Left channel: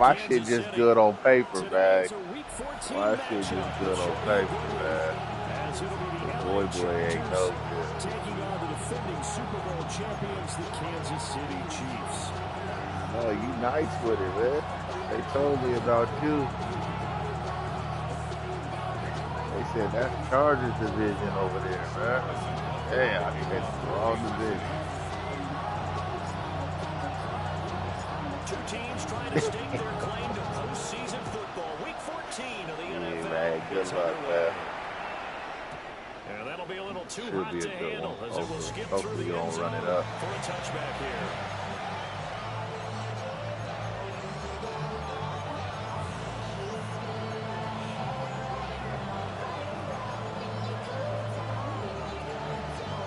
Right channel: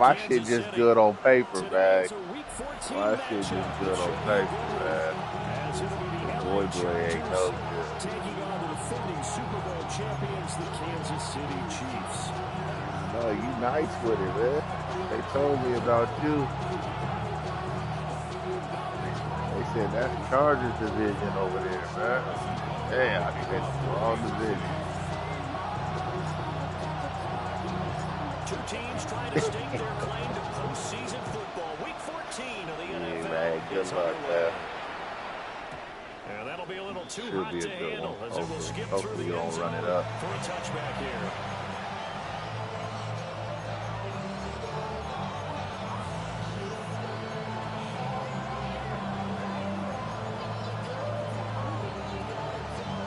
my shit just good on paper, man. Today's a Week 14 My shit just matchup. good on Should be a paper, good man. one, as it'll be the Boy, LA ain't no Chargers good. taking on the defending Super Bowl champions, the Kansas City Chiefs. No, you nice with it, man. They told me about you. They said that's Chargers division over there, man. Damn, I think that's the wrong division. Two teams trying to stake their claim to postseason football. Week 14 of the NFL man, good is luck, underway. man. And that'll be a little too Should hot be a to good handle one. as it will skip Hopefully through you the end don't zone run it up. for a touchback here.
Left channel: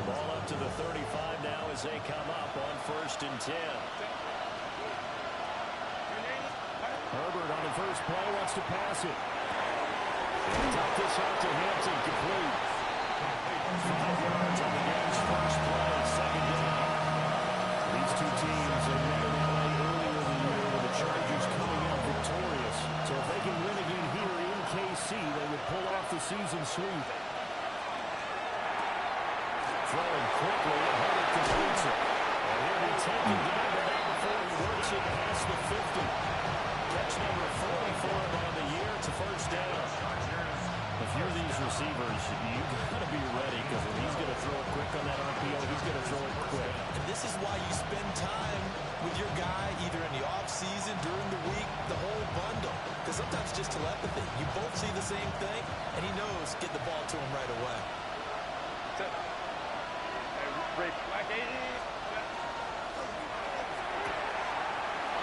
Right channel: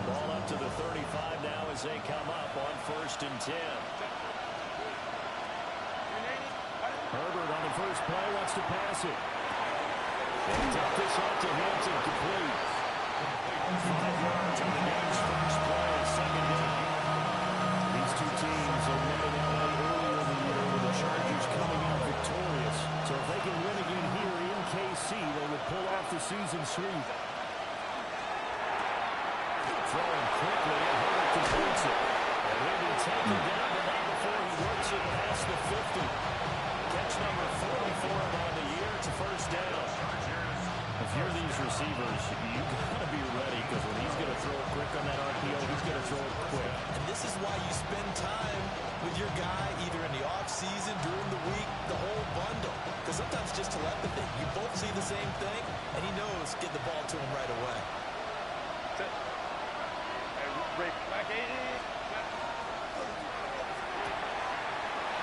Ball up to the 35 now as they come up on 1st and 10. Herbert on the first play wants to pass it. They dump this off to Hampton, complete. 5 yards on the game's first play, 2nd down. These two teams have met in L.A. earlier in the year with the Chargers coming out victorious. So if they can win again here in KC, they would pull off the season sweep. Throwing quickly, and Herbert completes it. And he'll be taken down, but not before he works it past the 50. Catch number 44 on the year. It's a first down. If you're these receivers, you got to be ready, because when he's going to throw it quick on that RPO, he's going to throw it quick. And this is why you spend time with your guy, either in the offseason, during the week, the whole bundle. Because sometimes just telepathy. You both see the same thing, and he knows get the ball to him right away.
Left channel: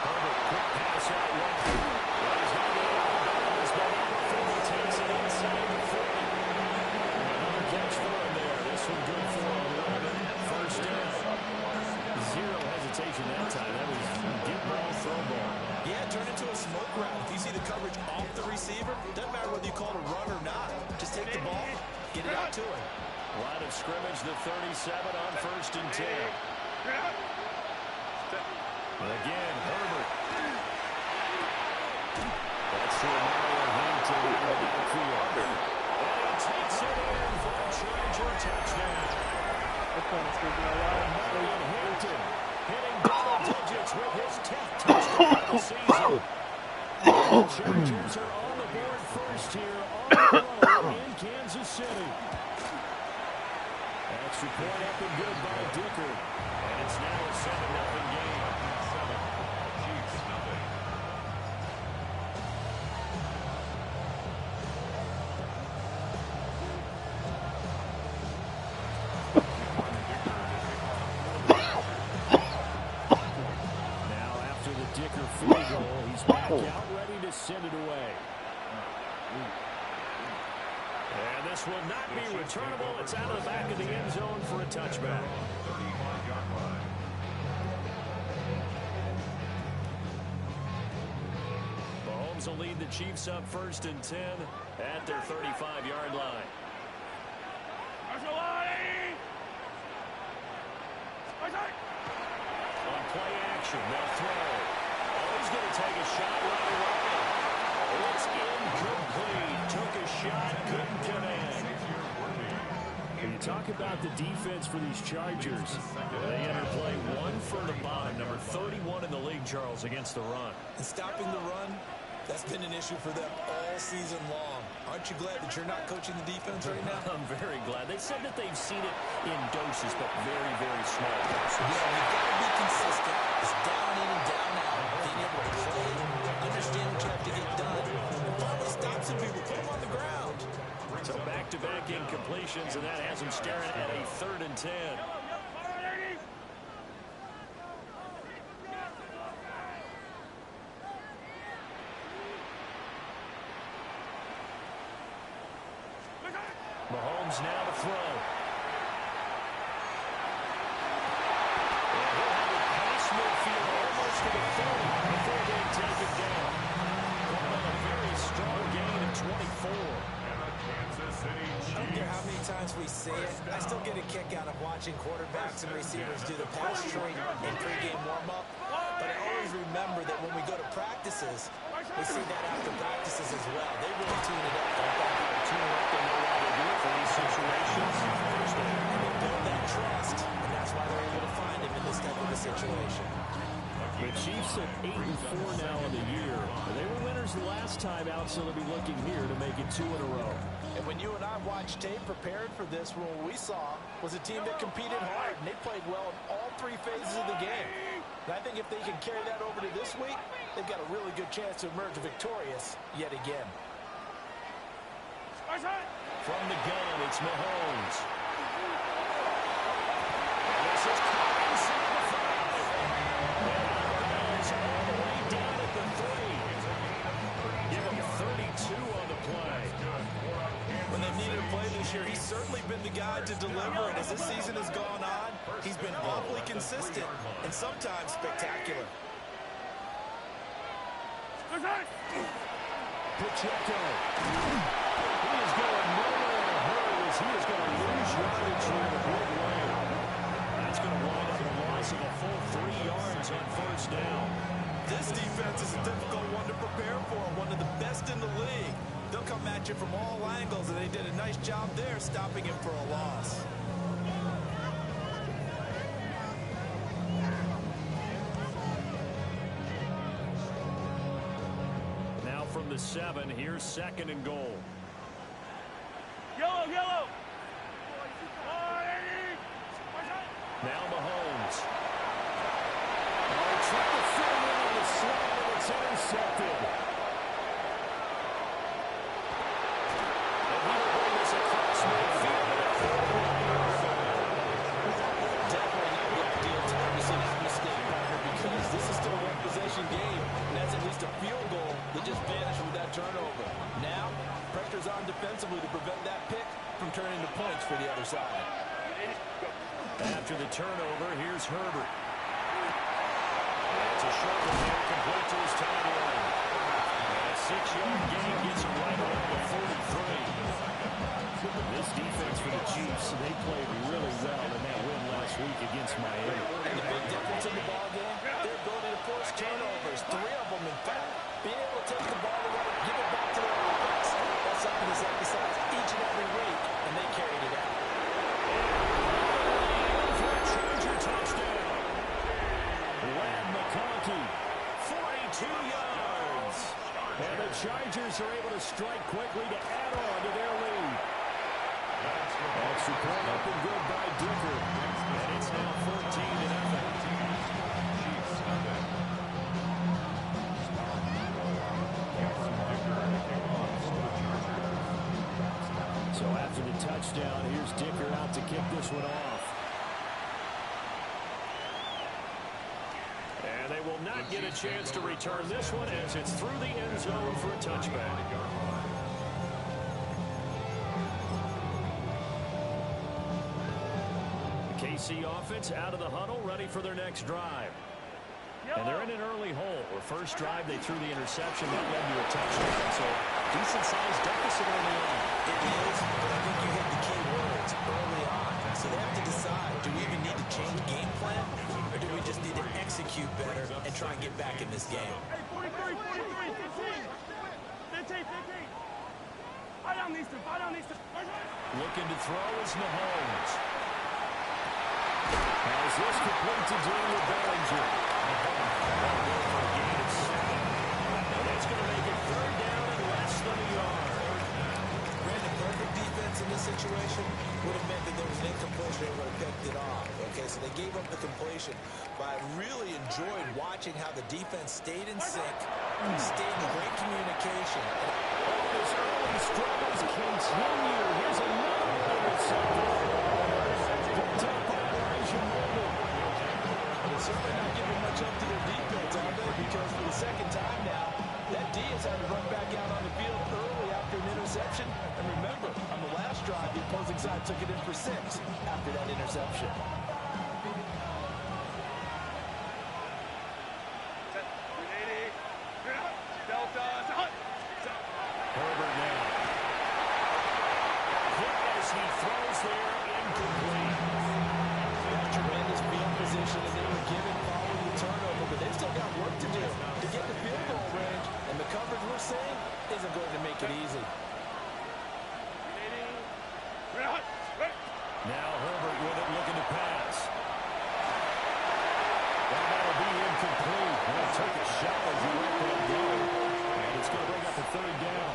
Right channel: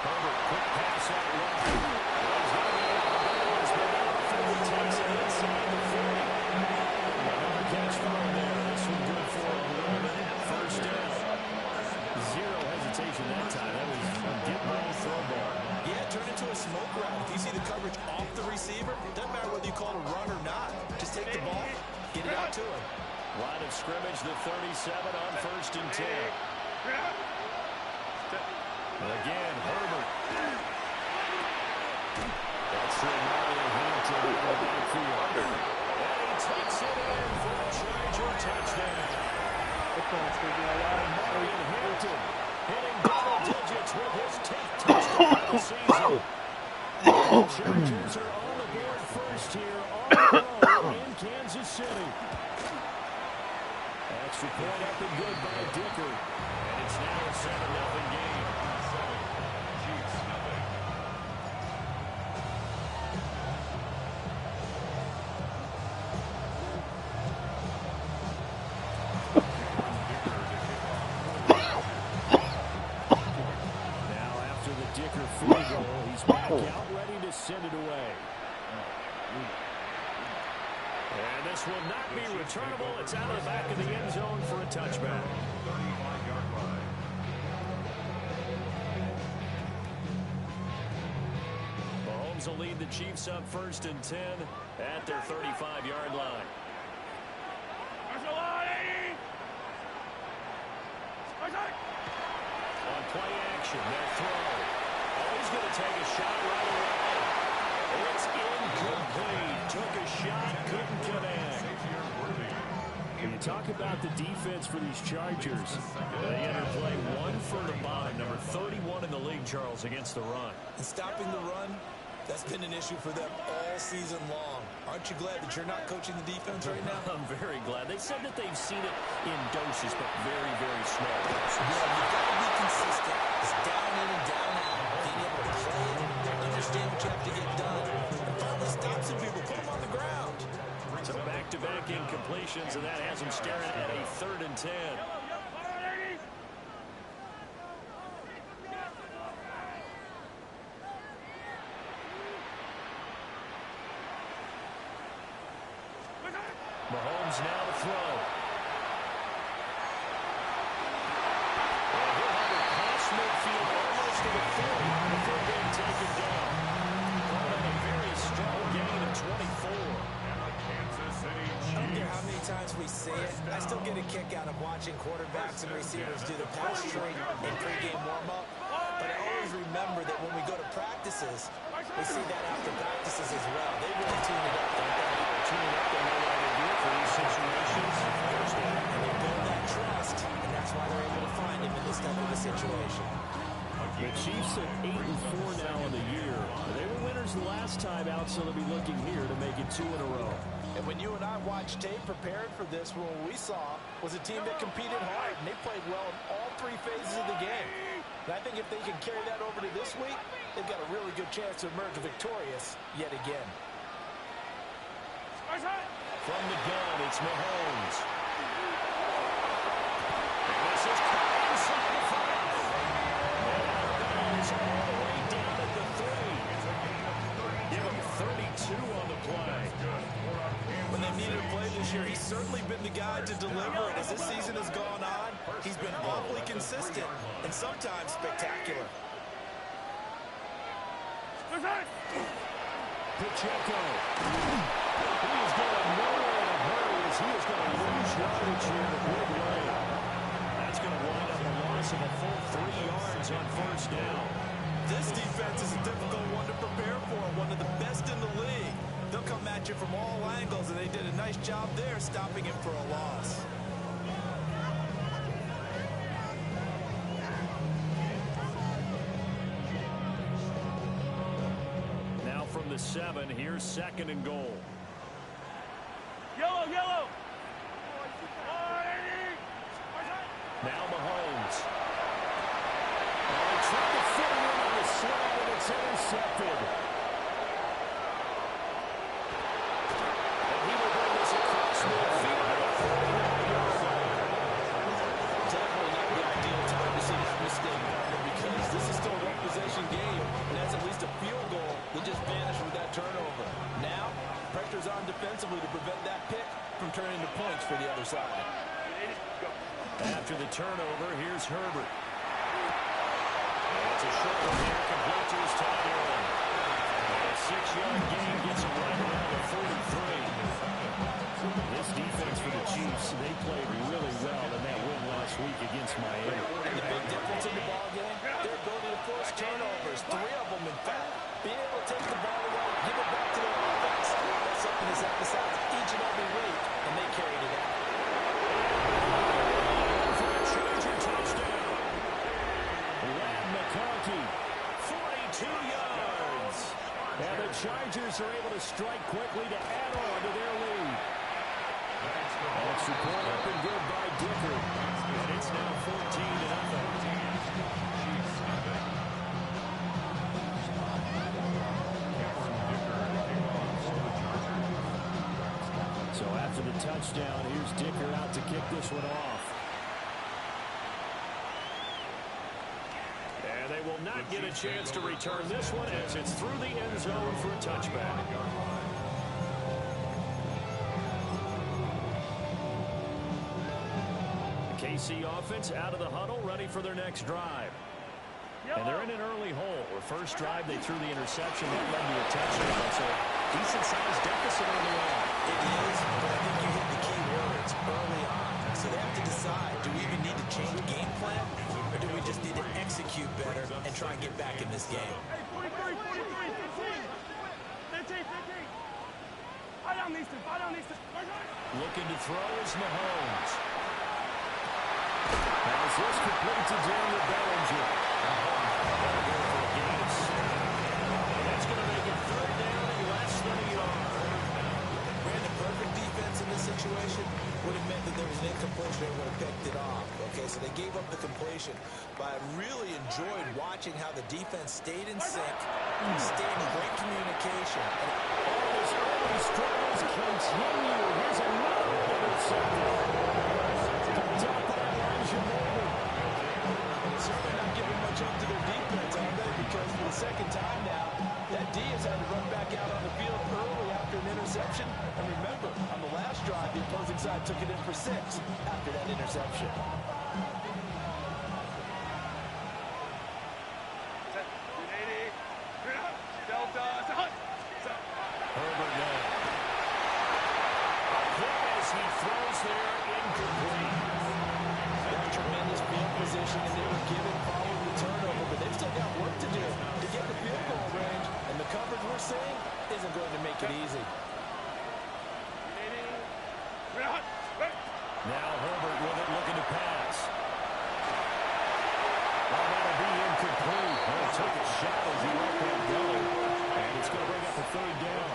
Herbert, quick pass out wide. He's going to be out of bounds, but not before he takes it inside the 40. Another catch for him there. This one good for 11. First down. Zero hesitation that time. That was get ball, throw ball. Yeah, turn into a smoke route. If you see the coverage off the receiver, doesn't matter whether you call it a run or not. Just take the ball, get it out to him. Line of scrimmage, the 37 on 1st and 10. Again, Herbert. That's to Mario Hampton in the backfield. And he takes it in for a Charger touchdown. Mario Hampton hitting double digits with his 10th touchdown of the season. The Chargers are on the board first here on the road in Kansas City. Extra point up and good by Dicker. And it's now a 7-0 game. Chiefs nothing. Now after the Dicker field goal, he's back out ready to send it away. And this will not be returnable. It's out of the back of the end zone for a touchback. 35-yard line. Mahomes will lead the Chiefs up 1st and 10 at their 35-yard line. On play action, they'll throw. Oh, he's going to take a shot right away. It's incomplete. Took a shot, couldn't connect. When you talk about the defense for these Chargers, they enter play 1 from the bottom, number 31 in the league, Charles, against the run. And stopping the run, that's been an issue for them all season long. Aren't you glad that you're not coaching the defense right now? I'm very glad. They said that they've seen it in doses, but very, very small doses. Yeah, you've got to be consistent. It's down in and down out. Being able to play it, understand what you have to get done, and finally stop some people, put them on the ground. So back-to-back incompletions, and that has them staring at a 3rd and 10. Mahomes now to throw. And he'll have it past midfield almost to the 40 before being taken down. Calling on a very strong gain of 24. And the Kansas City Chiefs. I don't care how many times we say it, I still get a kick out of watching quarterbacks and receivers do the pass tree in pregame warm-up. But I always always remember that when we go to practices, we see that after practices as well. They really tune it up, don't they? They tune it up. They know why they do it for these situations. First down. And they build that trust, and that's why they're able to find him in this type of a situation. The Chiefs at 8-4 now in the year. They were winners the last time out, so they'll be looking here to make it 2 in a row. And when you and I watched tape prepared for this, what we saw was a team that competed hard, and they played well in all 3 phases of the game. And I think if they can carry that over to this week, they've got a really good chance to emerge victorious yet again. From the gun, it's Mahomes. And this is caught inside the 5. And out of bounds all the way down at the 3. Give him 32 on the play. When they've needed to play this year, he's certainly been the guy to deliver. And as this season has gone on, he's been awfully consistent and sometimes spectacular. Pacheco. He is going nowhere in a hurry as he is going to lose yardage here in a big way. That's going to wind up a loss of a full 3 yards on first down. This defense is a difficult one to prepare for, one of the best in the league. They'll come at you from all angles, and they did a nice job there stopping him for a loss. Now from the 7, here's 2nd and goal. Yellow, yellow. Now Mahomes. Oh, trying to fit him in on the slant, and it's intercepted. And he will bring this across midfield at a 49-yard line. Definitely not the ideal time to see that mistake, partner, because this is still a one-possession game, and that's at least a field goal that just vanished with that turnover. Now, pressure's on defensively to prevent that pick from turning into points for the other side. After the turnover, here's Herbert. And it's a short one here, complete to his tight end. And a 6-yard gain gets him right around the 43. This defense for the Chiefs, they played really well in that win last week against Miami. And the big difference in the ball game, their ability to force turnovers, 3 of them in fact. Being able to take the ball away, give it back to their offense, that's something that's emphasized each and every week, and they carried it out. For a Charger touchdown. Ladd McConkey, 42 yards. And the Chargers are able to strike quickly to add on to their lead. Extra point up and good by Dicker. And it's now 14-0. Chiefs nothing. Cameron Dicker kicking off for the Chargers. So after the touchdown, here's Dicker out to kick this one off. And they will not get a chance to return this one as it's through the end zone for a touchback. The KC offense out of the huddle, ready for their next drive. And they're in an early hole. Where first drive, they threw the interception. That led to a touchdown. So decent-sized deficit early on. It is, but I think you hit the key words early on. So they have to decide, do we even need to change game plan, or do we just need to execute better and try and get back in this game? Hey, 43, 43, 15. 15, 15. Fight on these two, fight on these two. Looking to throw is Mahomes. As this complete to Daniel Bellinger. That'll go for a gain of 7. And that's going to make it 3rd down and less than a yard. Brandon, perfect defense in this situation would have meant that there was an incompletion and would have picked it off. Okay, so they gave up the completion. But I really enjoyed watching how the defense stayed in sync, stayed in great communication. And all his early struggles continue. Here's another one intercepted. Top by Elijah Molden. And it's certainly not giving much up to their defense, are they? Because for the second time now, that D has had to run back out on the field early after an interception. And remember, on the last drive, the opposing side took it in for 6 after that interception. Herbert now. Hit as he throws there, incomplete. That tremendous field position, and they were given following the turnover, but they've still got work to do to get the field goal range, and the coverage we're seeing isn't going to make it easy. Now Herbert with it, looking to pass. Well, that'll be incomplete. Well, he took a shot as he let that go, and it's going to bring up a third down.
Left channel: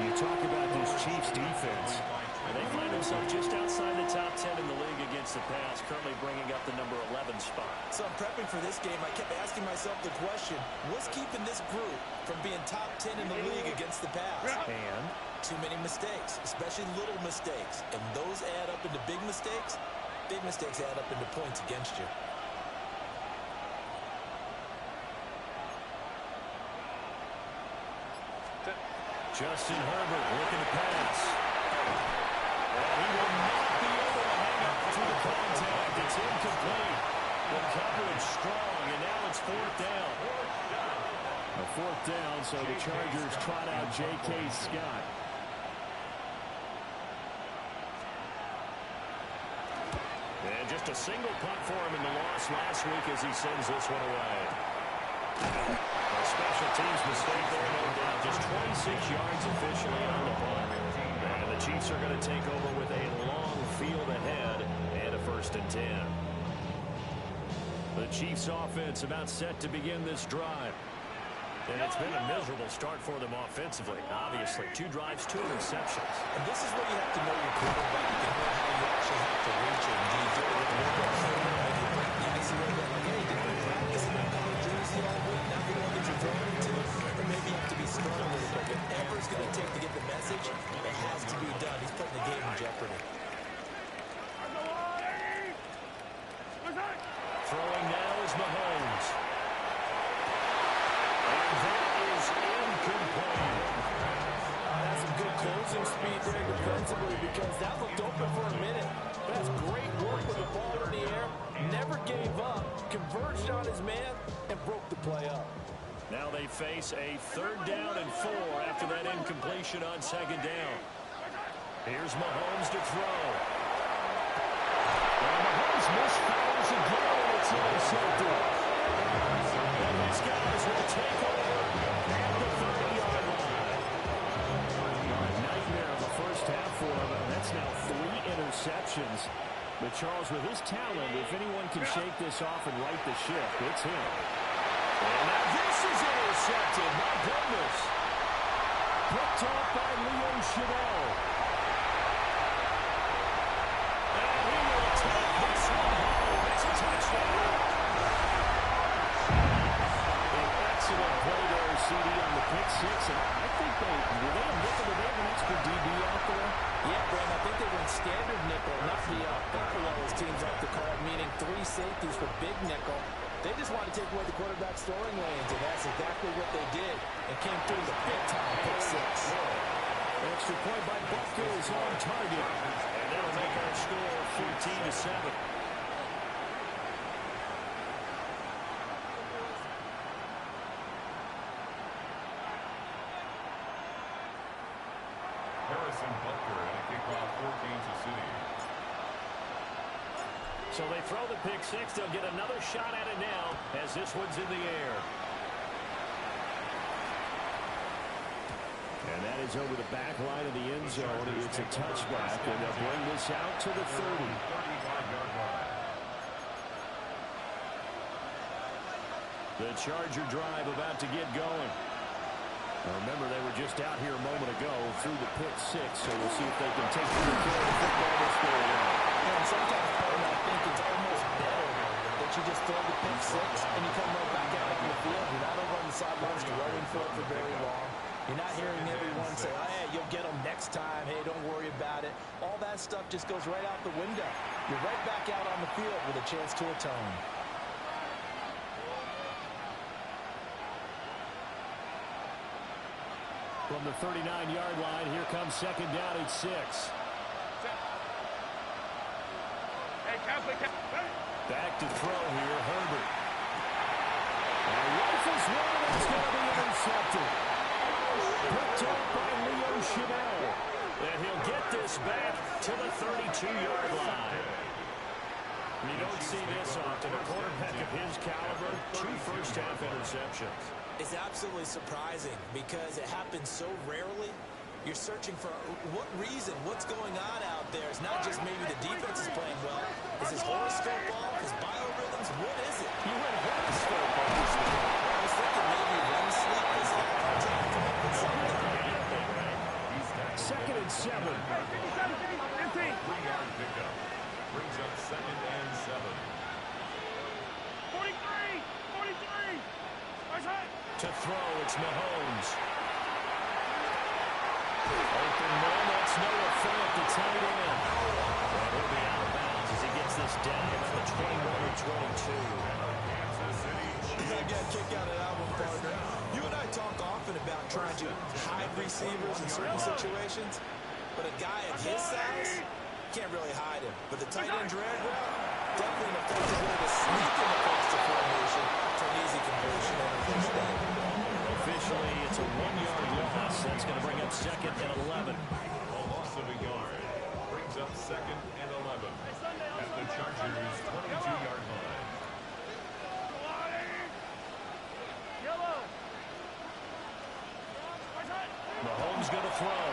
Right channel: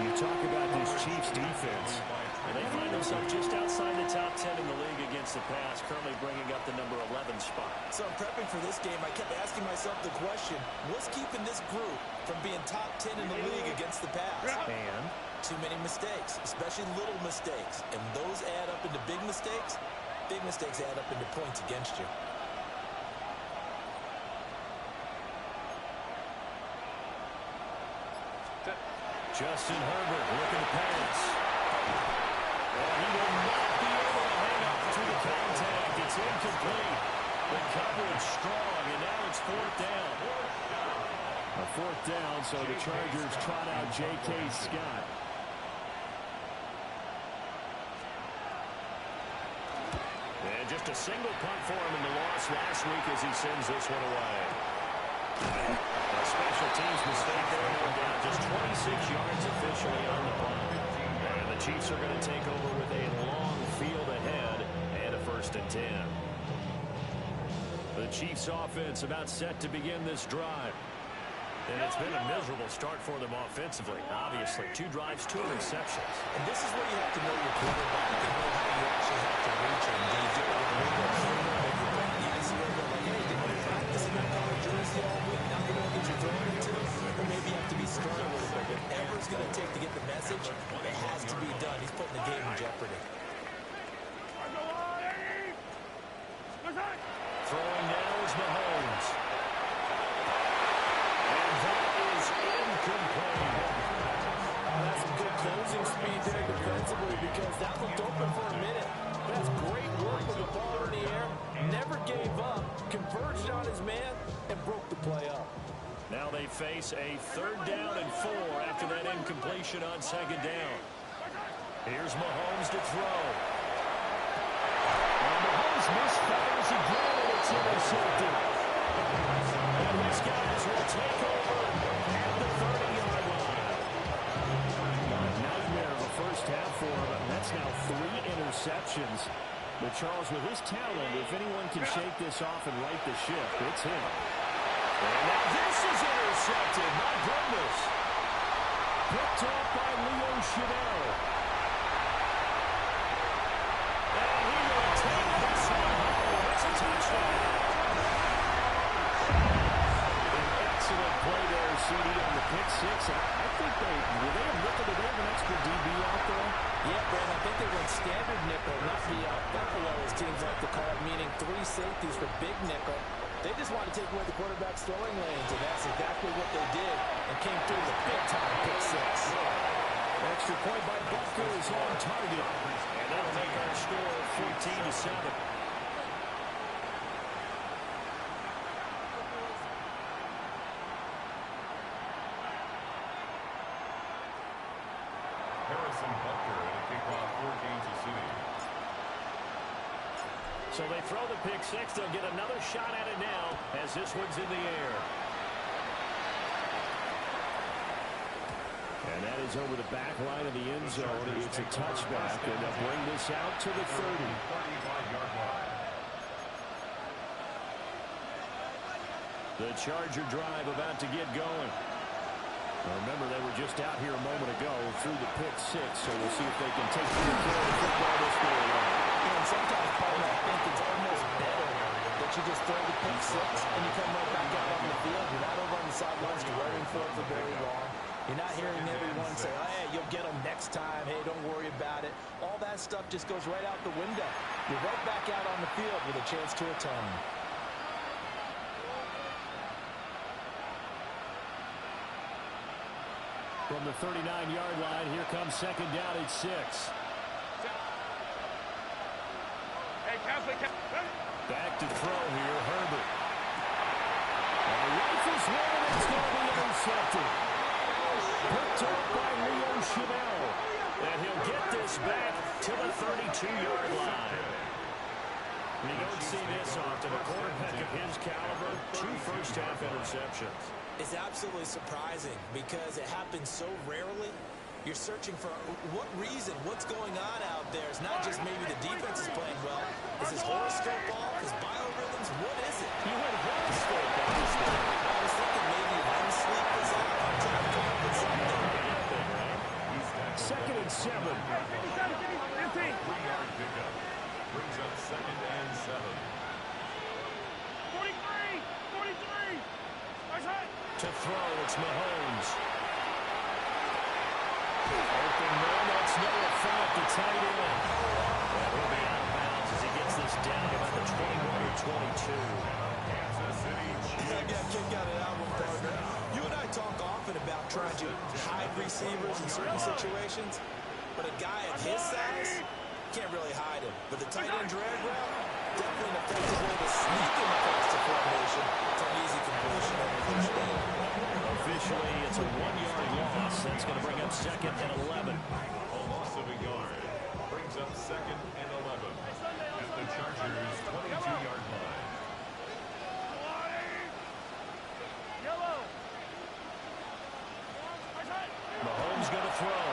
You talk about this Chiefs defense. And they find themselves just outside the top 10 in the league against the pass, currently bringing up the number 11 spot. So I'm prepping for this game. I kept asking myself the question, what's keeping this group from being top 10 in the league against the pass? And too many mistakes, especially little mistakes. And those add up into big mistakes. Big mistakes add up into points against you. Justin Herbert looking to pass. And he will not be able to hang up to the contact. It's incomplete. The coverage strong, and now it's fourth down. A fourth down, so the Chargers trot out J.K. Scott. And just a single punt for him in the loss last week as he sends this one away. A special teams mistake there, no doubt. Just 26 yards officially on the punt. And the Chiefs are going to take over with a long field ahead and a 1st and 10. The Chiefs offense about set to begin this drive. And it's been a miserable start for them offensively. Obviously, 2 drives, 2 interceptions. And this is where you have to know your quarterback and know how you actually have to reach him. Do you do it with a little bit of humor? Maybe you break the ice a little bit like, hey, did you practice in that color jersey all week? Not the one that you're throwing it to? Or maybe you have to be stern a little bit. Whatever it's going to take to get the message, it has to be done. He's putting the game in jeopardy. Throwing now is Mahomes. And that is incomplete. That's some good closing speed there defensively because that looked open for a minute. That's great work with the ball in the air. Never gave up, converged on his man, and broke the play up. Now they face a 3rd down and 4 after that incompletion on 2nd down. Here's Mahomes to throw. And Mahomes misfires again, and it's intercepted. And these guys will take over at the 30-yard line. A nightmare of a first half for him. That's now 3 interceptions. But Charles, with his talent, if anyone can shake this off and right the ship, it's him. And now this is intercepted. My goodness. Picked off by Leo Chanel. And he will take this one home. It's a touchdown. An excellent play there, CD, on the pick 6. And I think were they a nickel? Did they have an extra DB out there? Yeah, Brandon, I think they went standard nickel, not the buffalo, as teams like to call it, meaning 3 safeties for big nickel. They just wanted to take away the quarterback's throwing lanes, and that's exactly what they did, and came through the big-time pick 6. Extra point by Butker is on target, and that'll make our score 14-7. Harrison Butker and a kickoff for Kansas City. So they throw the pick 6. They'll get another shot at it now as this one's in the air. And that is over the back line of the end zone. It's a touchback, and they'll bring this out to the 30. 35-yard line. The Charger drive about to get going. Now remember, they were just out here a moment ago through the pick 6, so we'll see if they can take good care of the football this go around. And sometimes, Paul, I think it's almost better that you just throw the pick 6 and you come right back out on the field. You're not over on the sidelines worrying for it for very long. You're not hearing everyone say, oh, hey, you'll get them next time. Hey, don't worry about it. All that stuff just goes right out the window. You're right back out on the field with a chance to atone. From the 39-yard line, here comes 2nd down at 6. Back to throw here, Herbert. Rifles one, and it's going to be intercepted. Picked off by Leo Chanel. And he'll get this back to the 32-yard line. You don't see this often. A quarterback of his caliber, 2 first-half interceptions. It's absolutely surprising because it happens so rarely. You're searching for what reason, what's going on out there. It's not just maybe the defense is playing well. Is his horoscope off? His biorhythms? What is it? You went horoscope on this one. I was thinking maybe REM sleep is off. I'm trying to come up with something. Anything, right? 2nd and 7. 3-yard pickup. Brings up 2nd and 7. 43. To throw, it's Mahomes. Open man, that's Noah Fant, the tight end. And he'll be out of bounds as he gets this down about the 21 or 22. Kansas City Chiefs. I got a kick out of that one, partner. You and I talk often about trying to hide receivers in certain situations, but a guy of his size can't really hide him. But the tight end drag route, definitely an effective way to sneak in across the formation for an easy completion and a first down. Officially, it's a 1-yard loss. That's going to bring up 2nd and 11. A loss of a yard. Brings up 2nd and 11. At the Chargers' 22-yard line. Mahomes going to throw.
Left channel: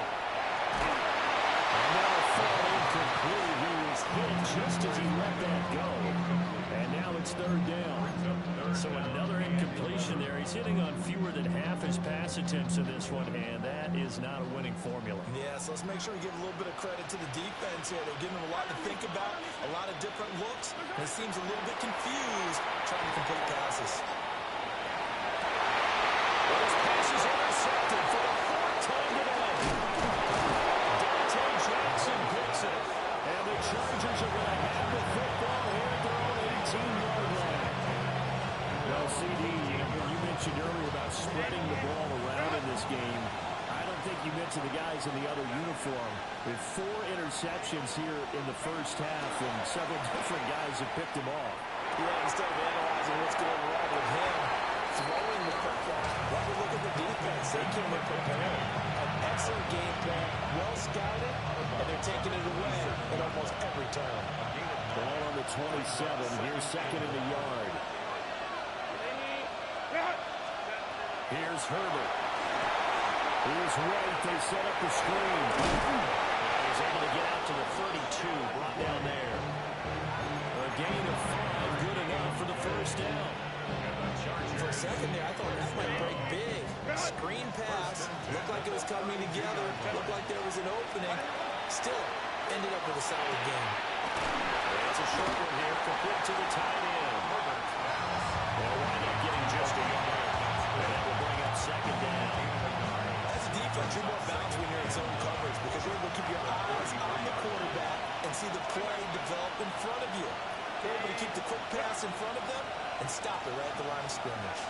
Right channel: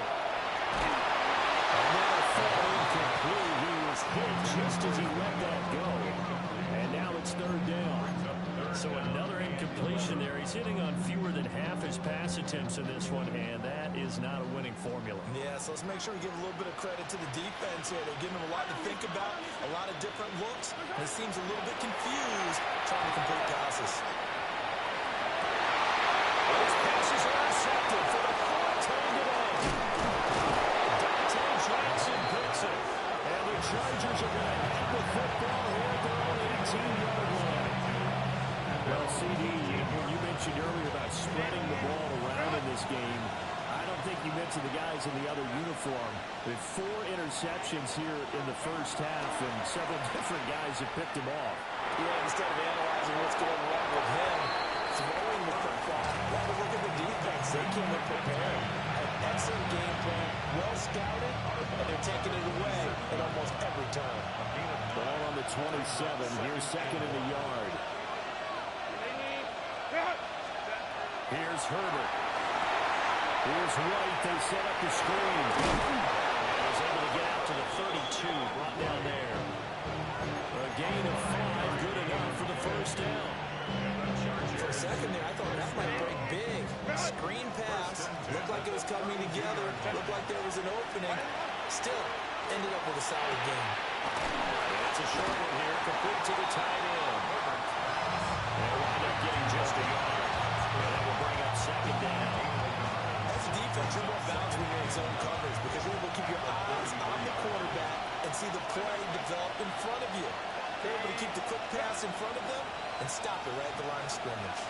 Another throw incomplete. He was hit just as he let that go. And now it's 3rd down. So another incompletion there. He's hitting on fewer than half his pass attempts in this one, and that is not a winning formula. Yeah, so let's make sure we give a little bit of credit to the defense here. They're giving him a lot to think about, a lot of different looks, and he seems a little bit confused trying to complete passes. Well, his pass is intercepted for the 4th time today. Dante Jackson picks it. And the Chargers are going to have the football here at their own 18-yard line. Well, CD, you mentioned earlier about spreading the ball around in this game. I don't think you mentioned the guys in the other uniform. With 4 interceptions here in the first half, and several different guys have picked him off. Yeah, instead of analyzing what's going wrong with him, throwing the football, why we look at the defense? They came in prepared. An excellent game plan, well scouted, and they're taking it away at almost every turn. Ball on the 27. Here's 2nd and a yard. Here's Herbert. Here's White. They set up the screen. And he's able to get out to the 32. Brought down there. A gain of 5. Good enough for the first down. For a second there, I thought that might break big. Screen pass. Looked like it was coming together. Looked like there was an opening. Still, ended up with a solid game. It's a short one here. Complete to the tight end. They'll wind up getting just a yard. And that will bring up 2nd down. As a defense, you're more balanced when you're in zone coverage because you're able to keep your eyes on the quarterback and see the play develop in front of you. You're able to keep the quick pass in front of them and stop it right at the line of scrimmage.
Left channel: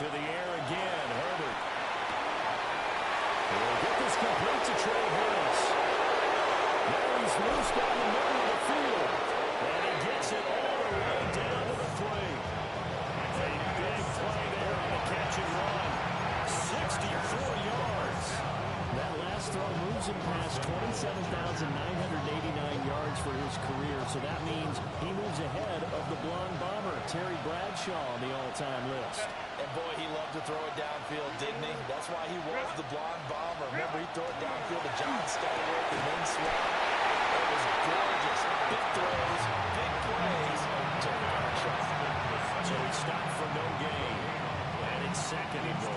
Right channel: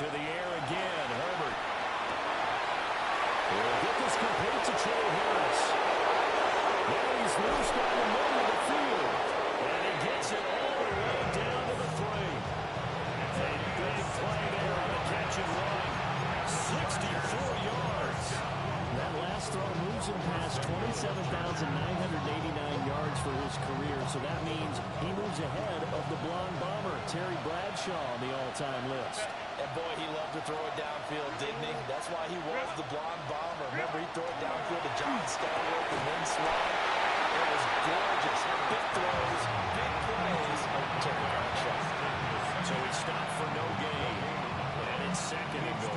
To the air again, Herbert. He'll get this complete to Trey Harris. Now he's loose down the middle of the field. And he gets it all the way down to the 3. A big play there on the catch and run. 64 yards. That last throw moves him past 27,989 yards for his career. So that means he moves ahead of the blonde bomber, Terry Bradshaw, on the all-time list. And boy, he loved to throw it downfield, didn't he? That's why he was the blonde bomber. Remember, he threw it downfield to John Stallworth and Lynn Swann. It was gorgeous. Big throws, big plays of Terry Bradshaw. So he stopped for no gain. And it's 2nd and goal.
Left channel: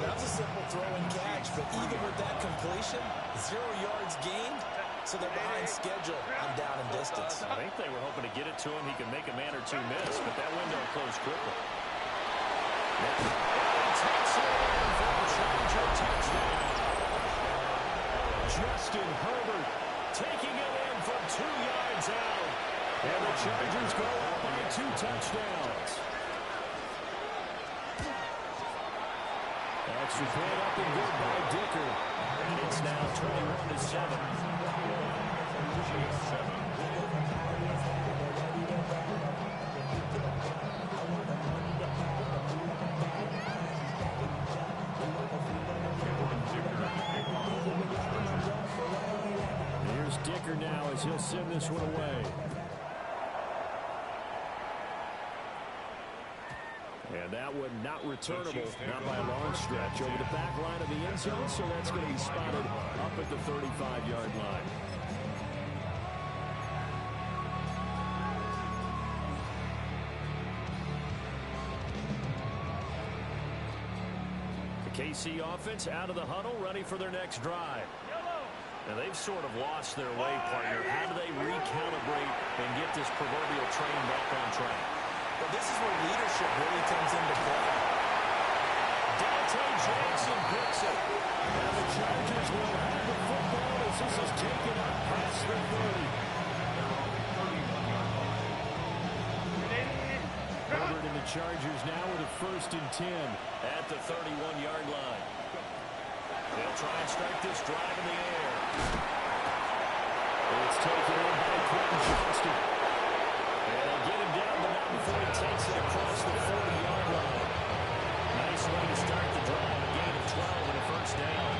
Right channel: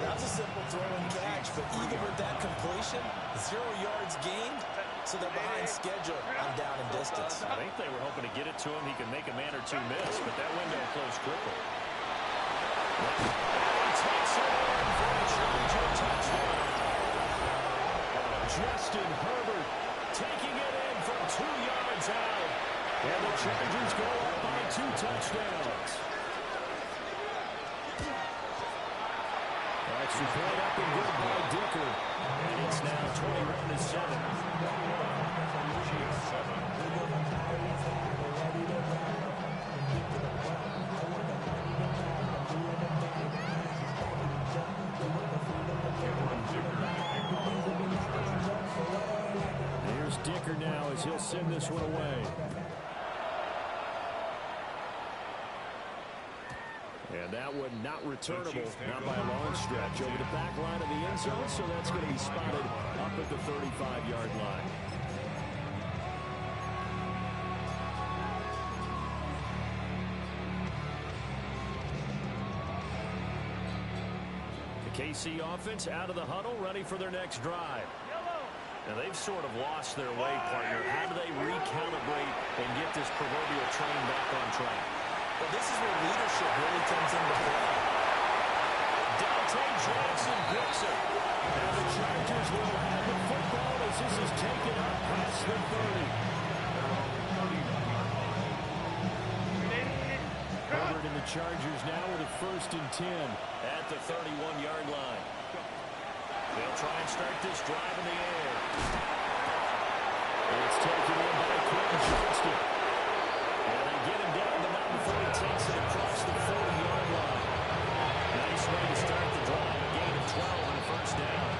That was a simple throw and catch, but even with that completion, 0 yards gained, so they're behind schedule on down and distance. I think they were hoping to get it to him. He could make a man or two miss, but that window closed quickly. And he takes it in for a Charger touchdown. Justin Herbert taking it in from 2 yards out. And the Chargers go up by 2 touchdowns. Extra point up and good by Dicker. And it's now 21-7. Here's Dicker Dicker now as he'll send this one away. And that one not returnable, not by a long stretch, over the back line of the end zone, so that's going to be spotted up at the 35-yard line. The KC offense out of the huddle, ready for their next drive. Now, they've sort of lost their way, partner. How do they recalibrate and get this proverbial train back on track? Well, this is where leadership really comes into play. Dante Jackson picks it. And the Chargers will have the football as this is taken up past the 30. Herbert and the Chargers now with a 1st and 10 at the 31-yard line. They'll try and start this drive in the air. It's taken in by Quentin Johnston. And they get him down, but not before he takes it across the 40-yard line. Nice way to start the drive. A gain of 12 and a 1st down.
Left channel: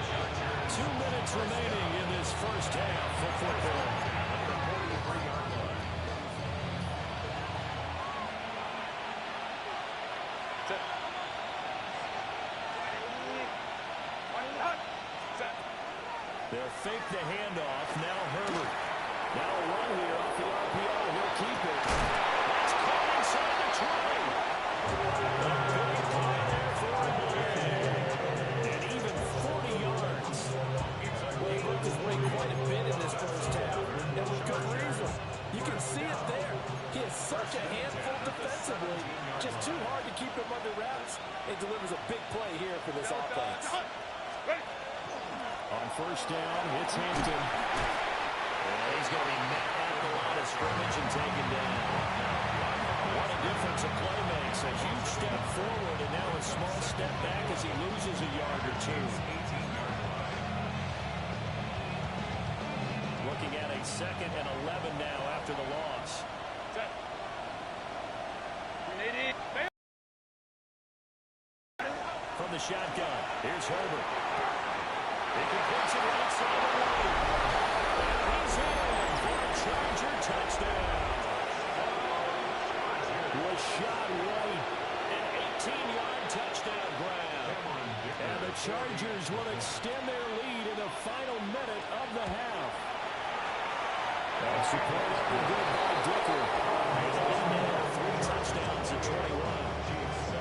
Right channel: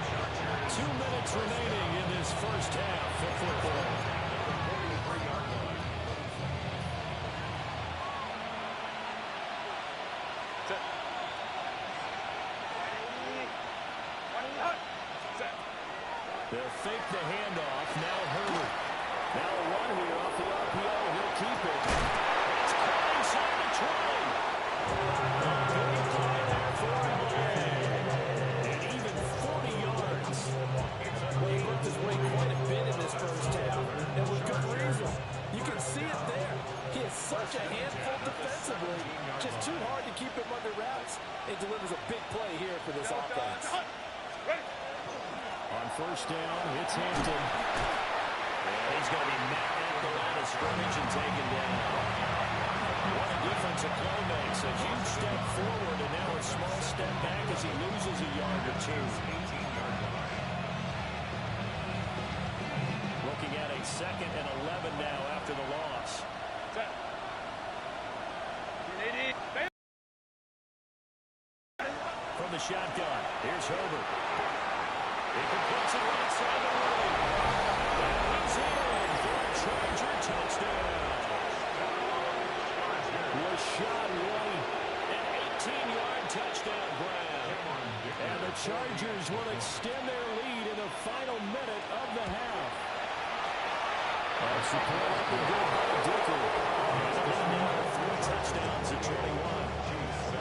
2 minutes remaining in this first half for football. At the 43-yard line. They'll fake the handoff. Now Herbert. Now a run here off the RPO. He'll keep it. That's caught inside the 20. A big play there for LA. And even 40 yards. Well, he looked his way quite a bit in this first half, and with good reason. You can see it there. He is such a handful defensively. Just too hard to keep him under wraps. He delivers a big play here for this offense. On 1st down, it's Hampton. And he's going to be met at the line of scrimmage and taken down. What a difference a play makes. A huge step forward and now a small step back as he loses a yard or two. 18-yard line. Looking at a 2nd and 11 now after the loss. From the shotgun, here's Herbert. He completes it right side the lane. And he's in for a Charger touchdown. Rashad White, an 18-yard touchdown grab. And the Chargers will extend their lead in the final minute of the half. That's the point up and good by Dicker. And a lead now to 3 touchdowns at 21. G7.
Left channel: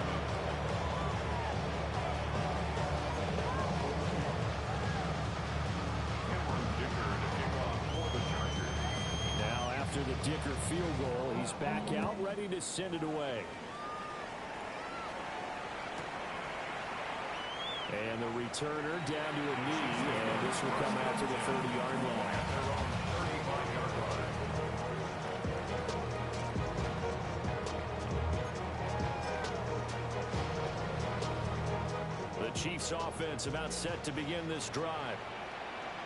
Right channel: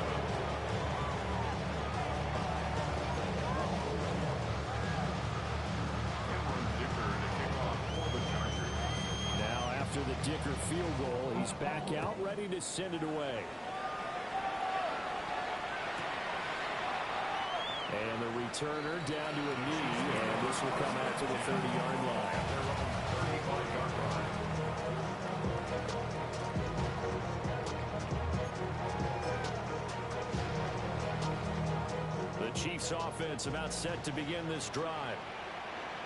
After the Dicker field goal, he's back out, ready to send it away. And the returner down to a knee, and this will come out to the 30-yard line. At their own 35-yard line. The Chiefs offense about set to begin this drive.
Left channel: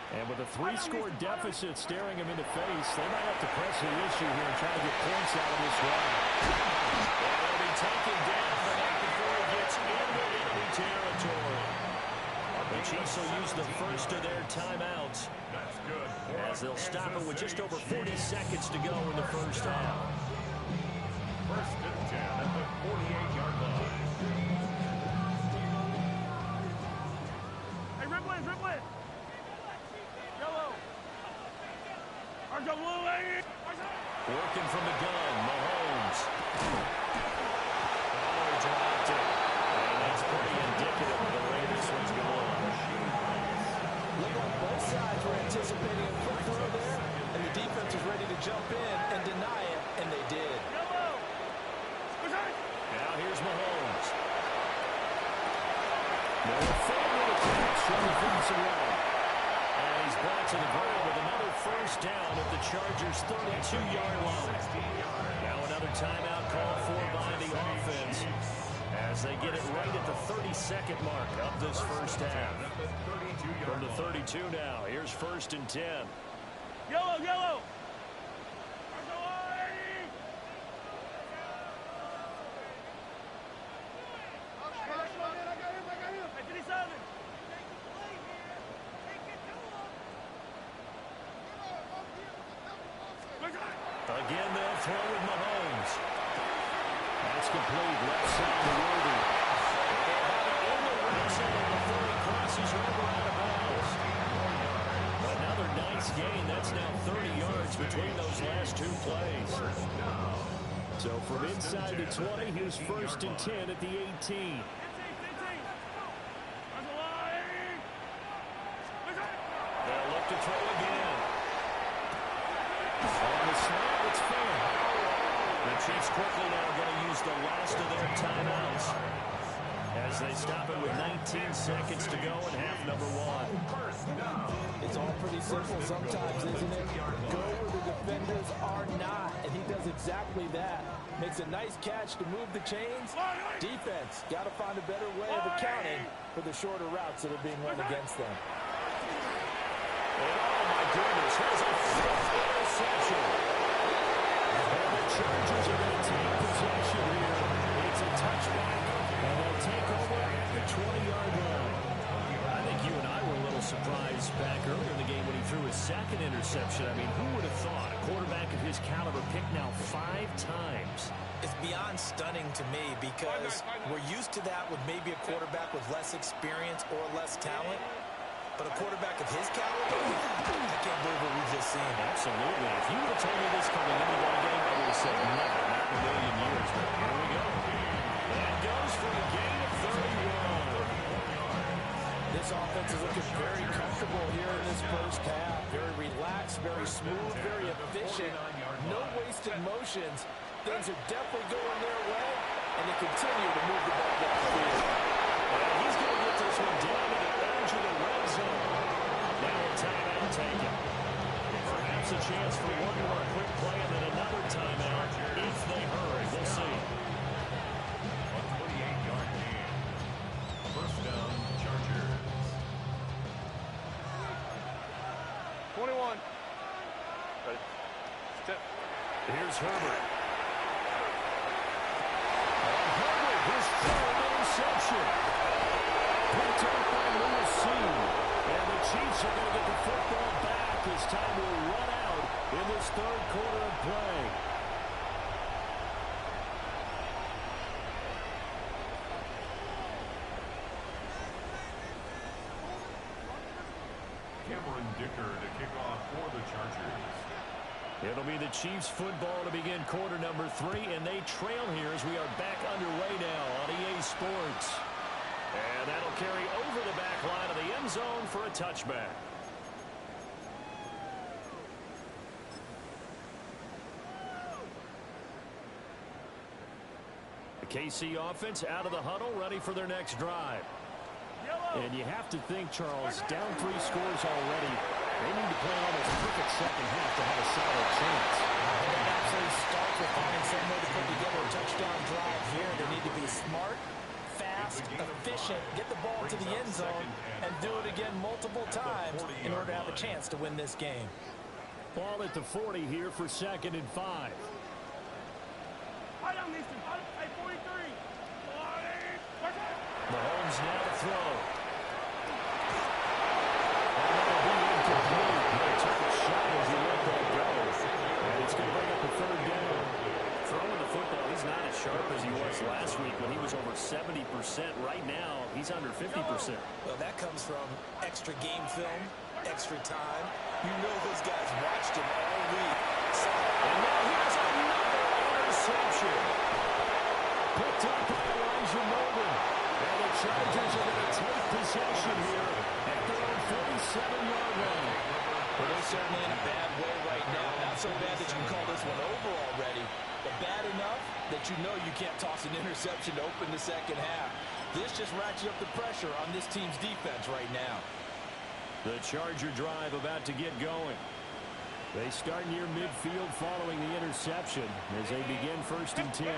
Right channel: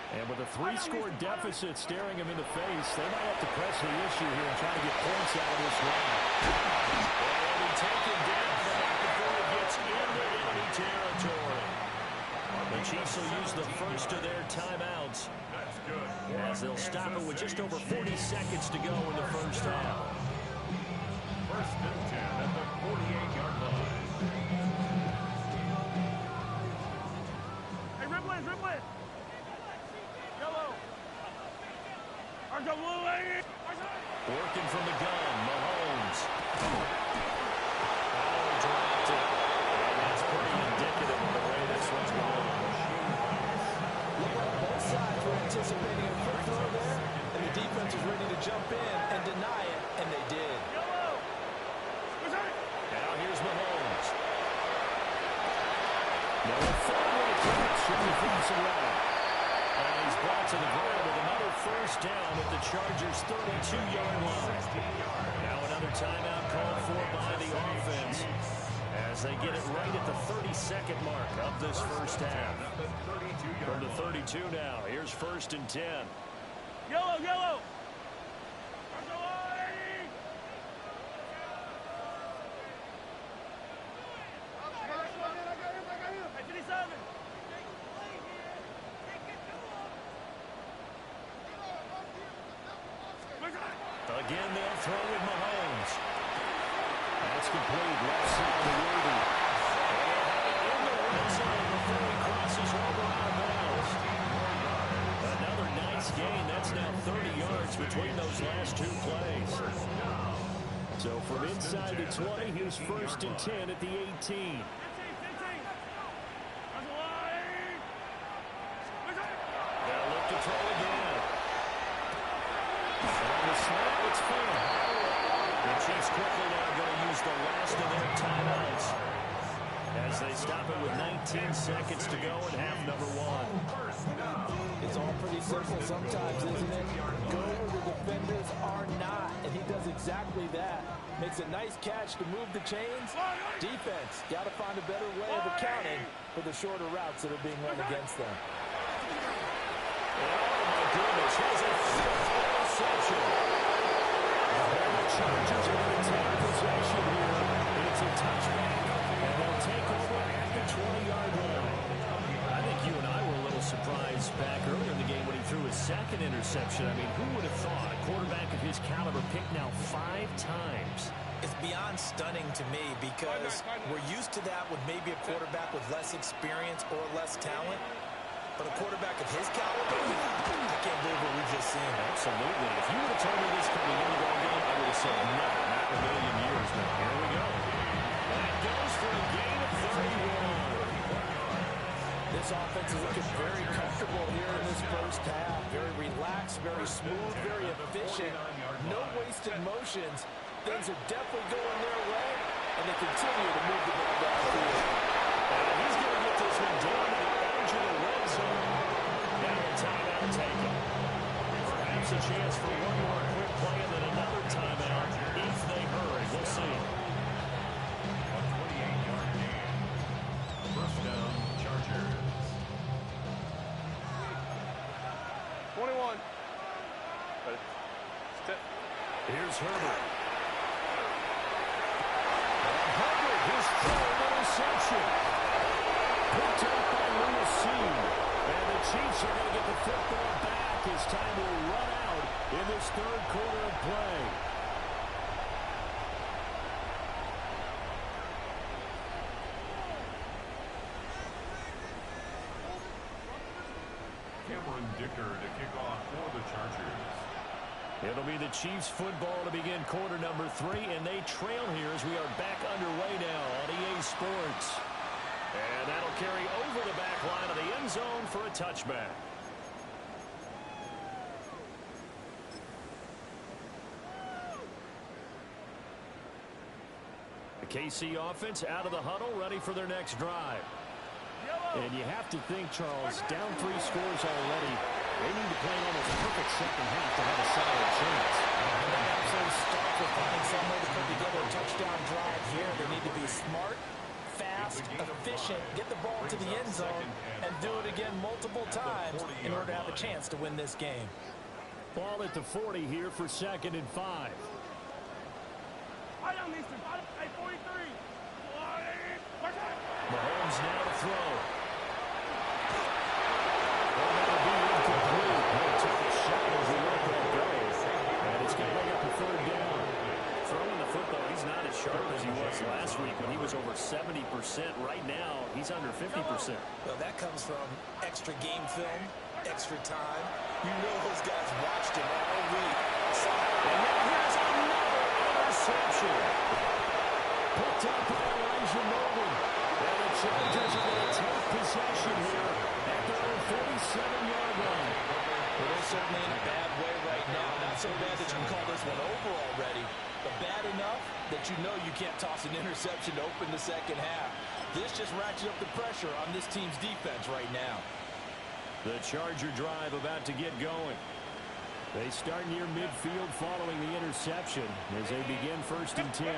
And with a 3-score deficit staring him in the face, they might have to press the issue here and try to get points out of this drive. And he'll be taken down, but not before he gets into enemy territory. The Chiefs will use the first of their timeouts. That's good. As they'll stop it with just over 40 seconds to go in the first half. 1st and 10 at the 48-yard line. Hey, rip it. Yellow. Working from the gun, Mahomes. Oh, he dropped it. And that's pretty indicative of the way this one's going. Looked like both sides were anticipating a quick throw there, and the defense was ready to jump in and deny it, and they did. Now here's Mahomes. Noah Fant with a catch on the offensive route. And he's brought to the ground with another 1st down at the Chargers' 32-yard line. Now another timeout called for by the offense as they get it right at the 32nd mark of this first half. From the 32 now, here's 1st and 10. Yellow. Again, they'll throw with Mahomes. That's complete. Left side to Worthy. And they'll have it in the red zone before he crosses over out of bounds. Another nice gain. That's now 30 yards between those last two plays. So from inside the 20, here's 1st and 10 at the 18. They'll look to throw again. On the slant, it's fair. The Chiefs quickly now going to use the last of their timeouts as they stop it with 19 seconds to go in half number 1. It's all pretty simple sometimes, isn't it? Go where the defenders are not, and he does exactly that. Makes a nice catch to move the chains. Defense, got to find a better way of accounting for the shorter routes that are being run against them. And oh my goodness, here's a 5th interception. And the Chargers are going to take possession here. It's a touchback, and they'll take over at the 20-yard line. I think you and I were a little surprised back earlier in the game when he threw his 2nd interception. I mean, who would have thought a quarterback of his caliber picked now 5 times? It's beyond stunning to me because we're used to that with maybe a quarterback with less experience or less talent. But a quarterback of his caliber, I can't believe what we've just seen. Absolutely. If you would have told me this coming into the ball game, I would have said never, not in a million years. But here we go. That goes for a gain of 31. This offense is looking very comfortable here in this first half. Very relaxed, very smooth, very efficient. No wasted motions. Things are definitely going their way, and they continue to move the ball downfield. And he's going to get this one down to the edge of the red zone. Now a timeout taken. Perhaps a chance for one more quick play and then another timeout if they hurry. We'll see. A 28-yard gain. 1st down, Chargers. 21. Ready. Step. Here's Herbert. And Herbert, his 3rd interception. Picked up by Lewis Cine. And the Chiefs are going to get the football back as time will run out in this 3rd quarter of play. Cameron Dicker to kick off for the Chargers. It'll be the Chiefs football to begin quarter number 3, and they trail here as we are back underway now on EA Sports. And that'll carry over the back line of the end zone for a touchback. The KC offense out of the huddle, ready for their next drive. And you have to think, Charles, down 3 scores already. They need to play an almost perfect second half to have a solid chance. And that absolutely starts with finding some way to put together a touchdown drive here. They need to be smart, fast, efficient, get the ball to the end zone, and do it again multiple times in order to have a chance to win this game. Ball at the 40 here for 2nd and 5. Hey, 43. Mahomes now to throw. And that'll be incomplete. He took a shot as he let that go. And it's going to bring up a 3rd down. Throwing the football, he's not as sharp as he was last week when he was over 70%. Right now, he's under 50%. Well, that comes from extra game film, extra time. You know those guys watched him all week. And now here's another interception. Picked up by Elijah Molden. And the Chargers are going to take possession here at their own 47-yard line. Well, they're certainly in a bad way right now. Not so bad that you can call this one over already, but bad enough that you know you can't toss an interception to open the second half. This just ratchets up the pressure on this team's defense right now. The Charger drive about to get going. They start near midfield following the interception as they begin 1st and 10.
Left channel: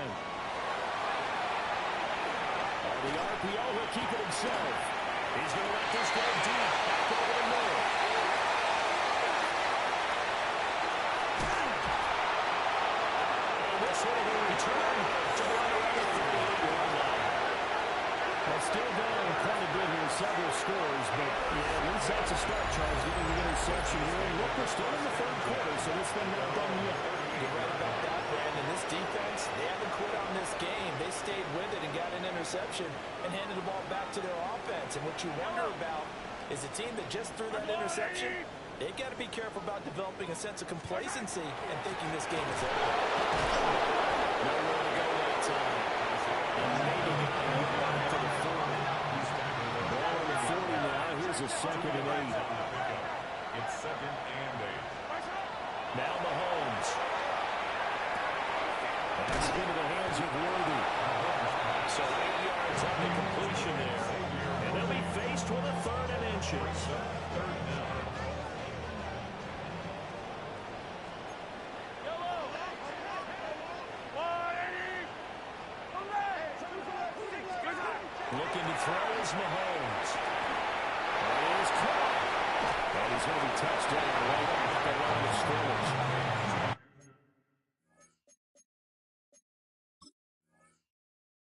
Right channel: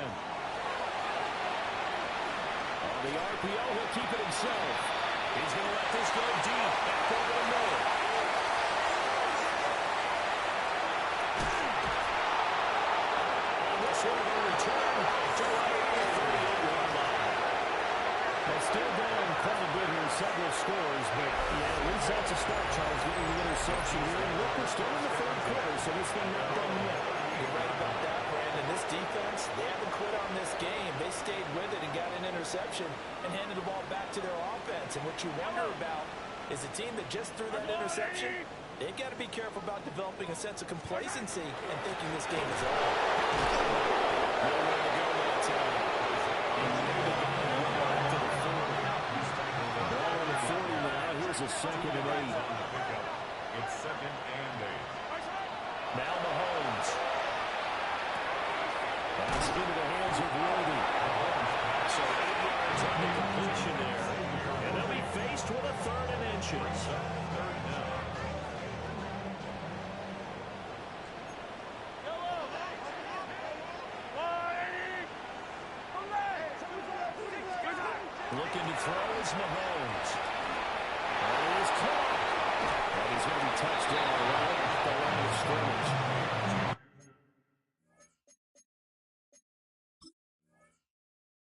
On the RPO, he'll keep it himself. He's going to let this go deep. Back over the middle. And this one will be returned to right around the 38-yard line. Well, still down quite a bit here, several scores, but yeah, at least that's a start, Charles, getting the interception here. And look, we're still in the 3rd quarter, so this thing not done yet. You're right about that, Brandon. This defense, they haven't quit on this game. They stayed with it and got an interception and handed the ball back to their offense. And what you wonder about is a team that just threw that interception, they've got to be careful about developing a sense of complacency and thinking this game is over. Nowhere to go that time. And maybe got a yard to the 40. Ball on the 40 now. Here's a 2nd and 8. It's 2nd and 8. Now Mahomes. Pass into the hands of Worthy. So 8 yards on the completion there. And they'll be faced with a 3rd and inches. 3rd down. Looking to throw is Mahomes. And he is caught. And he's going to be touched down right at the line of scrimmage.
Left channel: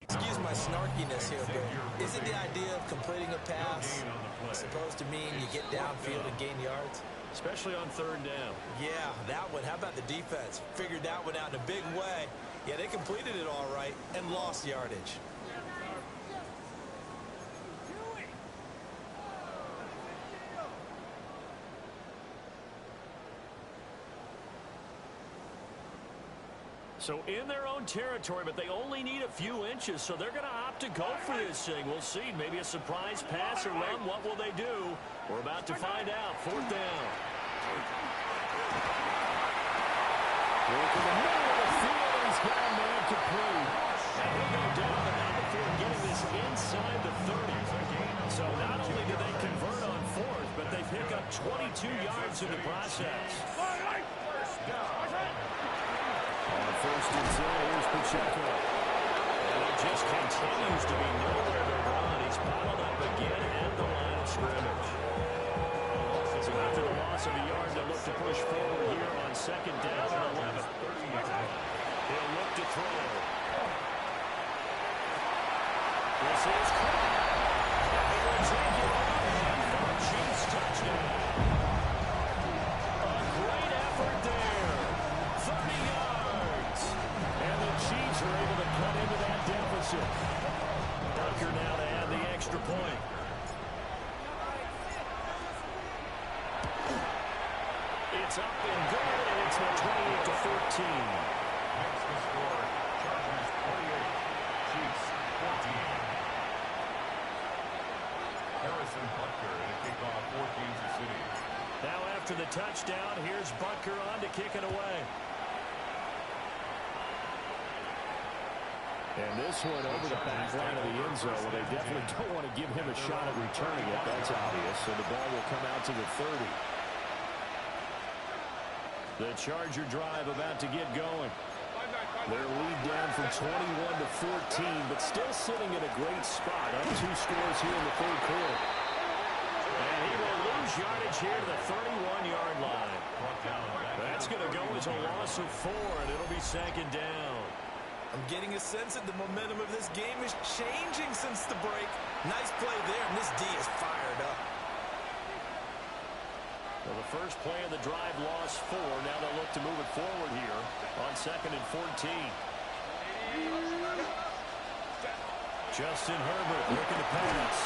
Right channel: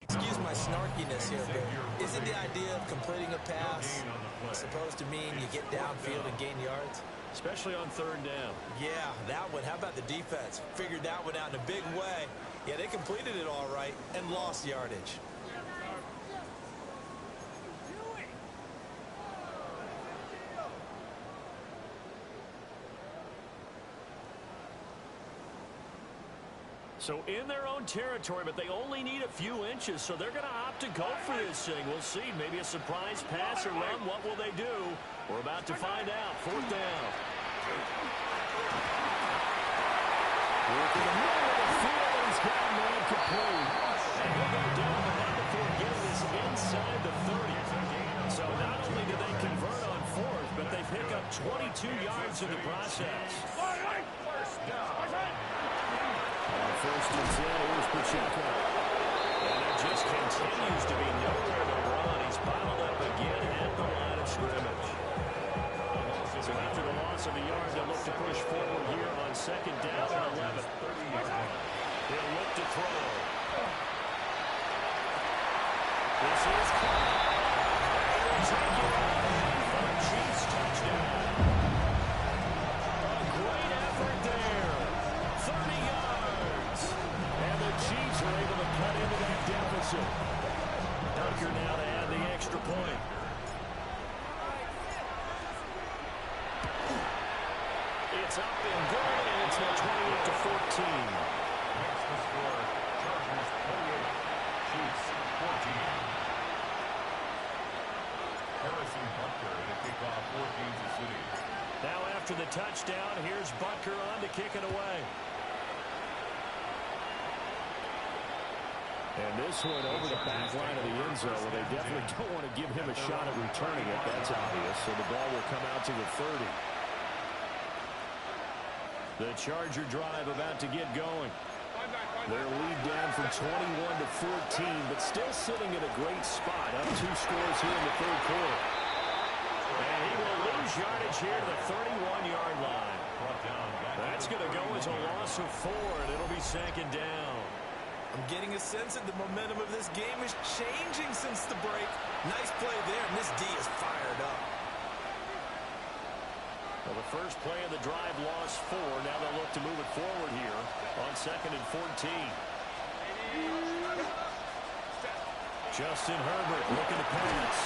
Excuse my snarkiness here, but isn't the idea of completing a pass supposed to mean you get downfield and gain yards? Especially on 3rd down. Yeah, that one. How about the defense? Figured that one out in a big way. Yeah, they completed it all right and lost yardage. So in their own territory, but they only need a few inches, so they're going to opt to go for this thing. We'll see. Maybe a surprise pass or run. What will they do? We're about to find out. 4th down. Work in the middle of the field, and he's got a man complete. And he'll go down, but not before getting this inside the 30. So not only do they convert on 4th, but they pick up 22 yards in the process. First down. On 1st and 10, here's Pacheco. And there just continues to be nowhere to run. He's bottled up again at the line of scrimmage. So after the loss of a yard, they'll look to push forward here on 2nd down and 11. He'll look to throw. This is caught. And they will take it on for a Chiefs touchdown. A great effort there. 30 yards. And the Chiefs are able to cut into that deficit. Dunker now to add the extra point. It's up and good, and it's now 28-14. Makes the score. Chargers 28. Chiefs 14. Harrison Butker to kick off for Kansas City. Now after the touchdown, here's Butker on to kick it away. And this one over the back line of the end zone. Well, they definitely don't want to give him a shot at returning it. That's obvious. So the ball will come out to the 30. The Charger drive about to get going. Their lead down from 21 to 14, but still sitting at a great spot. Up 2 scores here in the 3rd quarter. And he will lose yardage here to the 31-yard line. That's going to go as a loss of 4, and it'll be 2nd down. I'm getting a sense that the momentum of this game is changing since the break. Nice play there, and this D is fired up. Well, the first play of the drive lost 4. Now they'll look to move it forward here on 2nd and 14. Justin Herbert looking to pass.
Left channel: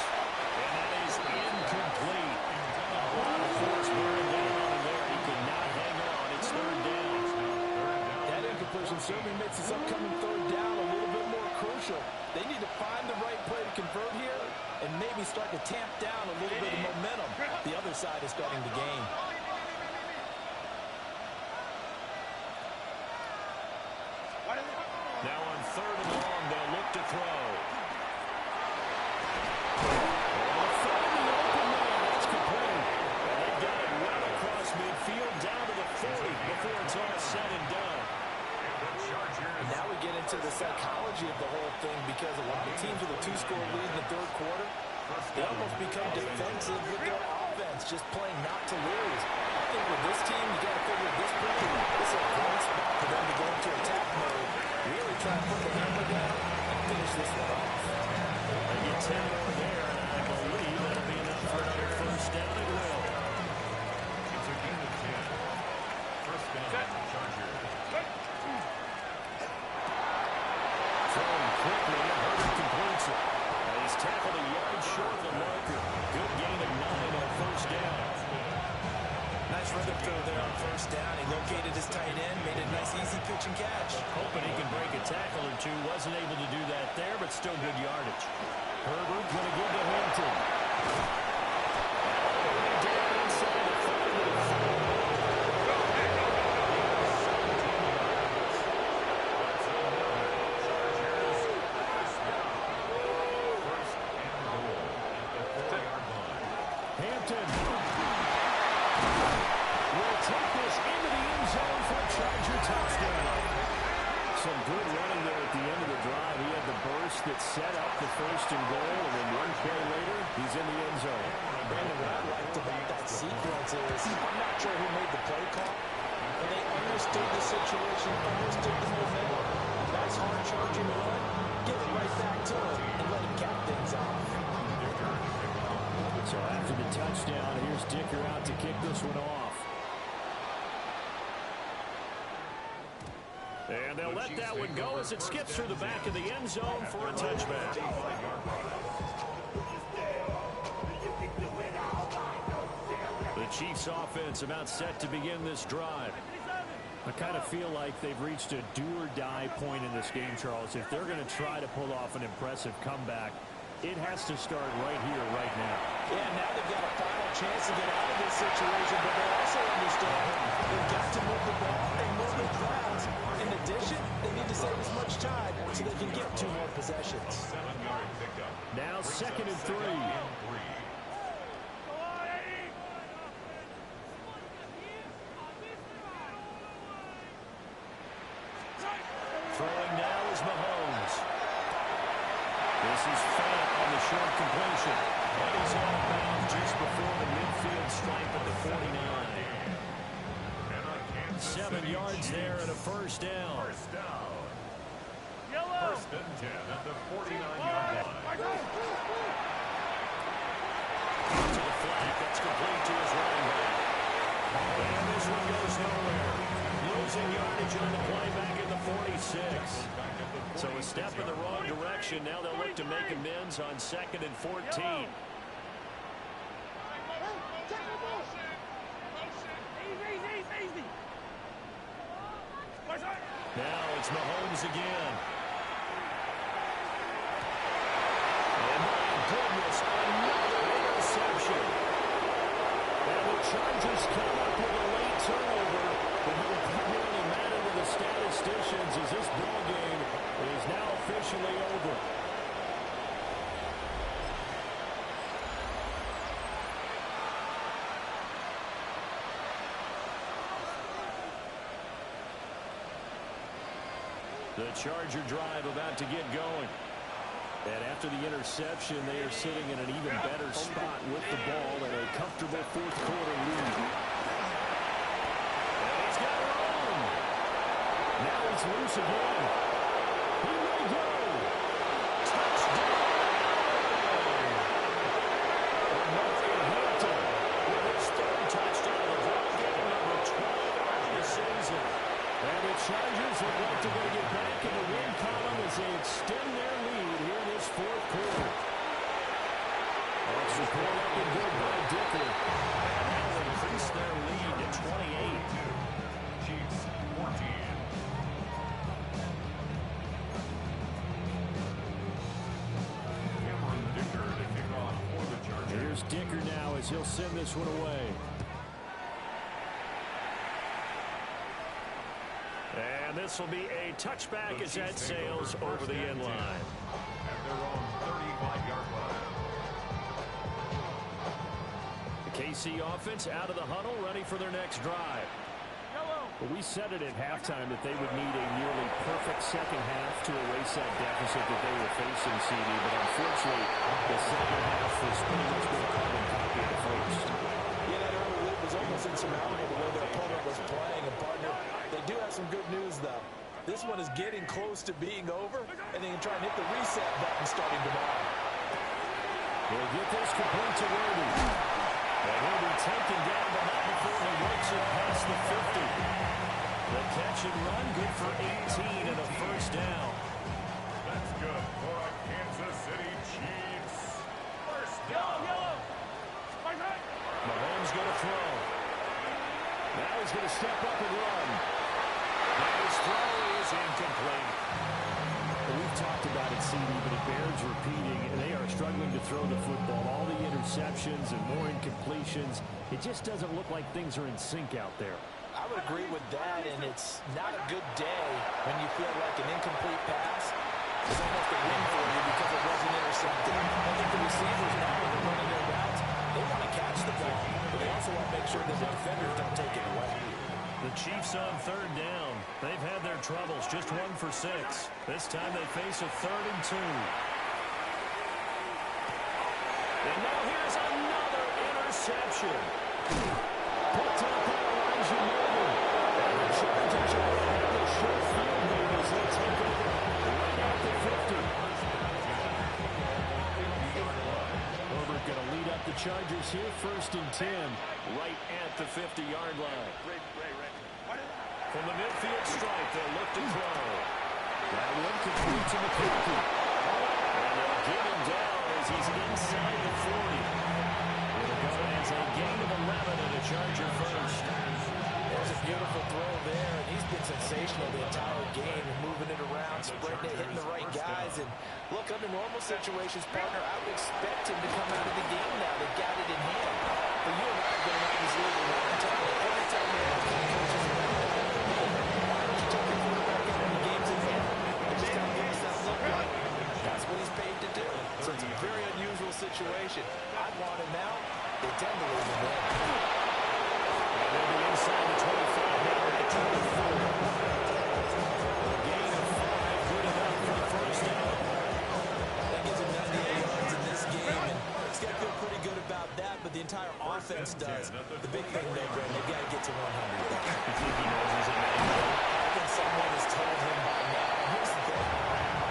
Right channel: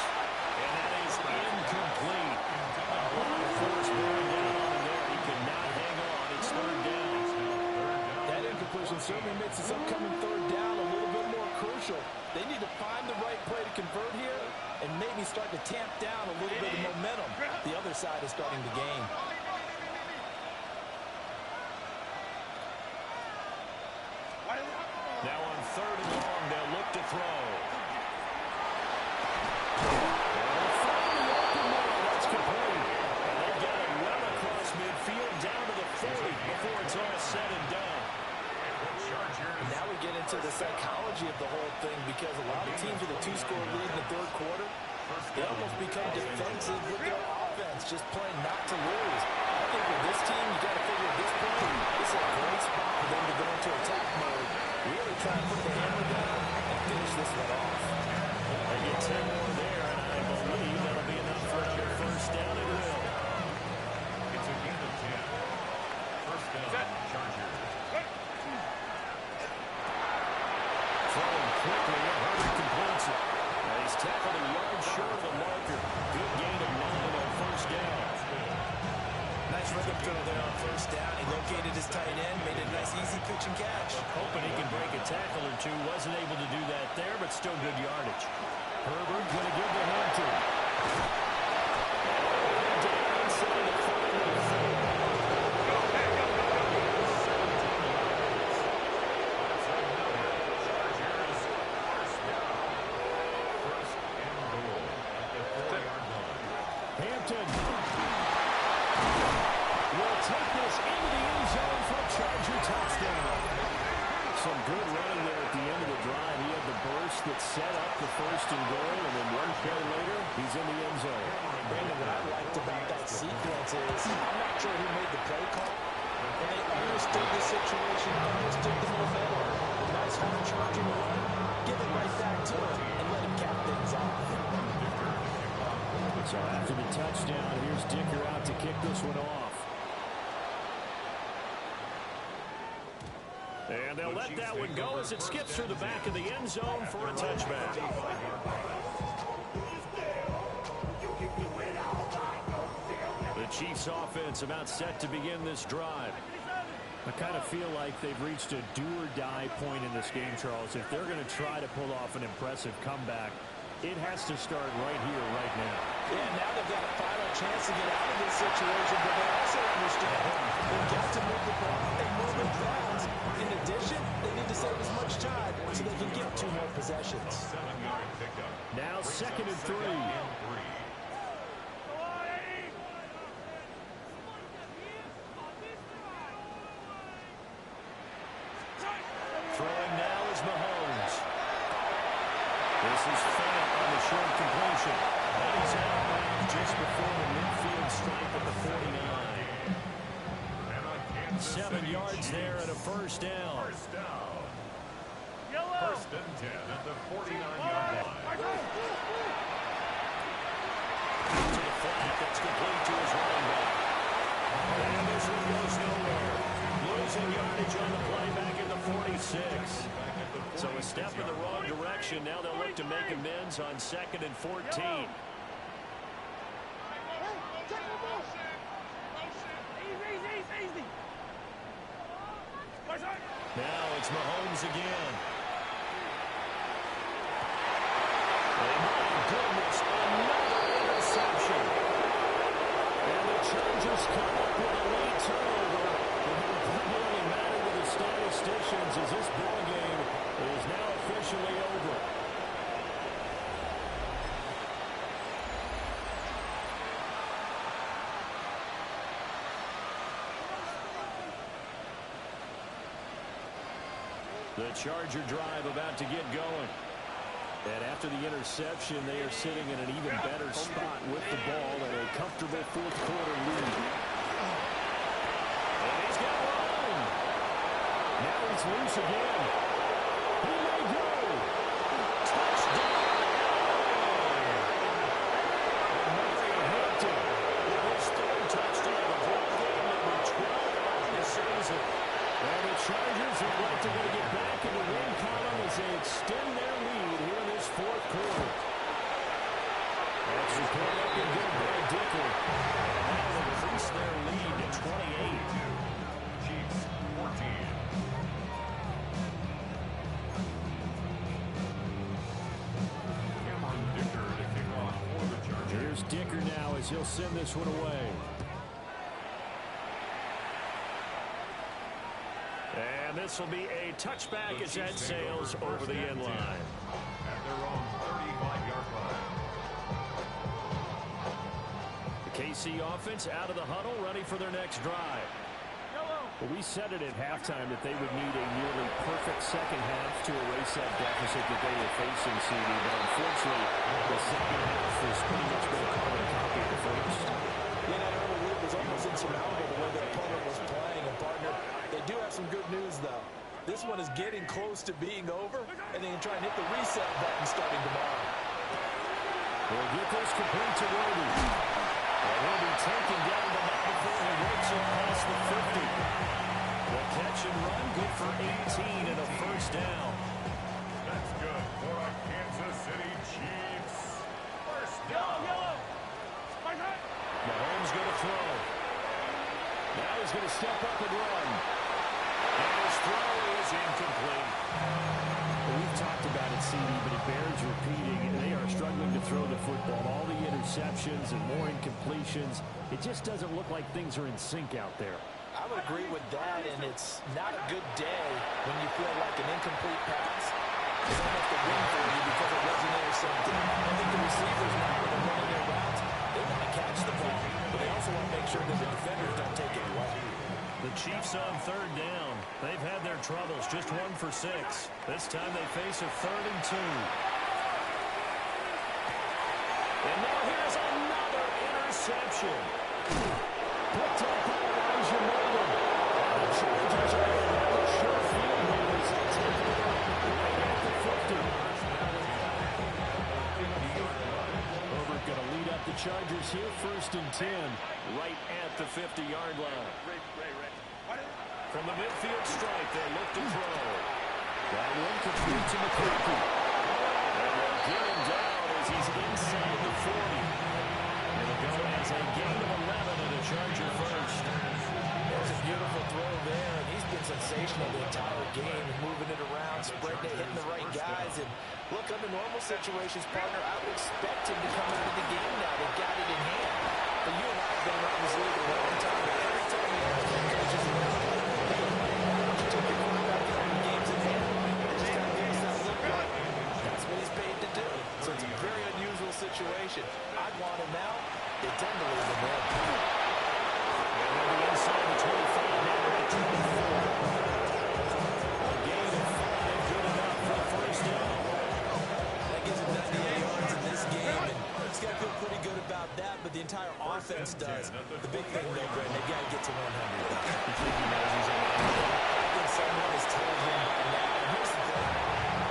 And that is incomplete. A lot of force bearing down on him there. He could not hang on. It's 3rd down. That incompletion certainly makes this upcoming 3rd down a little bit more crucial. They need to find the right play to convert here and maybe start to tamp down a little bit of momentum. The other side is starting to gain. Now on 3rd and long, they'll look to throw. They'll find the open man. That's complete. And they've got it well across midfield down to the 40 before it's all said and done. And now we get into the psychology of the whole thing, because a lot of teams with a 2-score lead in the 3rd quarter, they almost become defensive with their offense, just playing not to lose. I think with this team, you got to figure at this point, this is a great spot for them to go into attack mode, really try to put the hammer down and finish this one off. They get 10 more there, and I believe that'll be enough for another 1st down. It will. It's a gain of 10. 1st down, Chargers. tackled a yard short of the marker. Good gain of 9 on first down. Nice rhythm throw there on first down. He located his tight end, made a nice easy pitch and catch. Hoping he can break a tackle or two. Wasn't able to do that there, but still good yardage. Herbert going to give to Hampton. Down inside the 5-4. Hampton will take this into the end zone for a Charger touchdown. Some good running there at the end of the drive. He had the burst that set up the first and goal, and then one play later, he's in the end zone. Brandon, what I liked about that sequence is I'm not sure who made the play call, and they understood the situation, understood the momentum. Nice hard-charging run, give it right back to him, and let him cap things off. So after the touchdown, here's Dicker out to kick this one off. And they'll let that one go as it skips through the back of the end zone for a touchback. The Chiefs offense about set to begin this drive. I kind of feel like they've reached a do-or-die point in this game, Charles. If they're going to try to pull off an impressive comeback, it has to start right here, right now. Yeah, now they've got a final chance to get out of this situation, but they also understand they've got to move the ball and move it fast. In addition, they need to save as much time so they can get 2 more possessions. 7-yard pickup. Now 2nd and 3. Throwing now is Mahomes. This is Fant on the short completion. And he's out of bounds just before the midfield stripe at the 49. 7 yards there and a first down. First down. First and 10 at the 49-yard line. To the flat, that's complete to his running back. And this one goes nowhere. Losing yardage on the play back at the 46. So a step in the wrong direction. Now they'll look to make amends on 2nd and 14. Now it's Mahomes again. And my goodness, another interception. And the Chargers come up with a late turnover, but it will primarily matter to the statisticians as this ball game is now officially over. The Charger drive about to get going. And after the interception, they are sitting in an even better spot with the ball and a comfortable 4th quarter lead. And he's got room. Now he's loose again. He may go. Touchdown, Allen. And Mario Hampton with his 3rd touchdown of the ball game, number 12 on the season. And the Chargers look like they're going to get back in the win column as they extend their lead here in this 4th quarter. Extra point up and good by Dicker. And now they've increased their lead to 28. Chiefs 14. Cameron Dicker to kick off for the Chargers. Here's Dicker now as he'll send this one away. And this will be a touchback as that sails over the end line. At their own 35-yard line. The KC offense out of the huddle, ready for their next drive. Well, we said it at halftime that they would need a nearly perfect second half to erase that deficit that they were facing, CD. But unfortunately, the second half has pretty much been a carbon copy of the first. Yeah, that early lead was almost insurmountable the way their opponent was playing. And, partner, they do have some good news, though. This one is getting close to being over, and they can try and hit the reset button starting tomorrow. He'll get this complete to Worthy. And he'll be taken down, but not before he works it past the 50. The catch and run, good for 18 and a first down. That's good for a Kansas City Chiefs Mahomes going to throw. Now he's going to step up and run. And his throw is incomplete. Well, we've talked about it, CD, but it bears repeating. They are struggling to throw the football. All the interceptions and more incompletions. It just doesn't look like things are in sync out there. I would agree with that, and it's not a good day when you feel like an incomplete pass is almost a win for you because it wasn't intercepted. I think the receivers now, when they're running their routes, they want to catch the ball, but they also want to make sure that the defenders don't take it away. The Chiefs on third down. They've had their troubles, just 1 for 6. This time they face a 3rd and 2. And now here's another interception. Picked up by Elijah Molden. And the Chargers are going to have a short field here as they take over right at the 50. Herbert going to lead up the Chargers here, 1st and 10, right at the 50-yard line. From the midfield stripe, they'll look to throw. That one complete to McCarthy. And they'll get him down as he's inside the 40. It'll go as a gain of 11 and a Charger first. There's a beautiful throw there, and he's been sensational the entire game, moving it around, spreading it, hitting the right guys. And look, under normal situations, partner, I would expect him to come out of the game now. They've got it in hand. But you and I have been around this league a long time, and every time we ask head coaches around it, why don't you take your quarterback in when the game's in hand? They just got to give us that look like that's what he's paid to do. So it's a very unusual situation. I'd want him out. They tend to leave him in. And they'll be inside the 25 now at 24. A gain of 5, good enough for the first down. That gives him 98 yards in this game, and he's got to feel pretty good about that, but the entire offense does. The big thing, though, Brent, they've got to get to 100, though. You think he knows he's in that game? I think someone has told him by now. And here's the thing.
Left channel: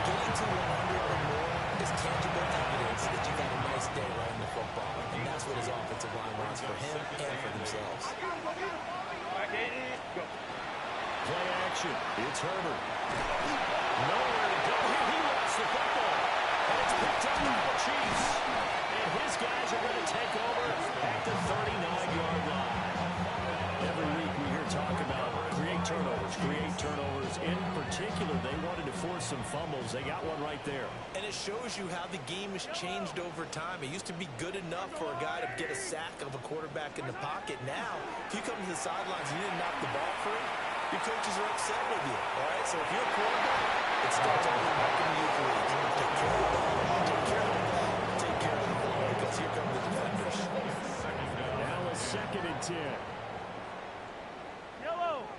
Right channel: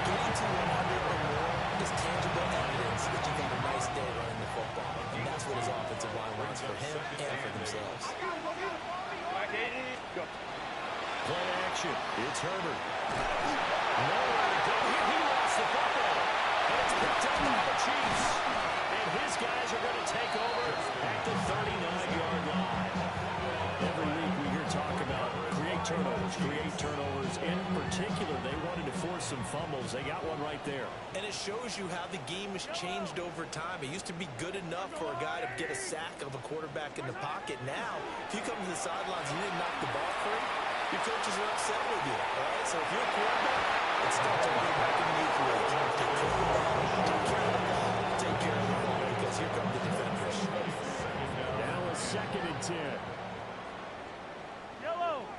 Getting to 100 or more is tangible evidence that you've had a nice day running the football, and that's what his offensive line wants for him and for themselves. Play action. It's Herbert. Nowhere to go here. He lost the football. And it's picked up by the Chiefs. And his guys are going to take over at the 39-yard line. Every week we hear talk about create turnovers. In particular, they wanted to force some fumbles. They got one right there. And it shows you how the game has changed over time. It used to be good enough for a guy to get a sack of a quarterback in the pocket. Now, if you come to the sidelines and you didn't knock the ball free, your coaches are upset with you. All right, so if you're a quarterback, it starts all the way back in the youth league. Take care of the ball, take care of the ball, take care of the ball, because here come the defenders. Now a 2nd and 10. Yellow.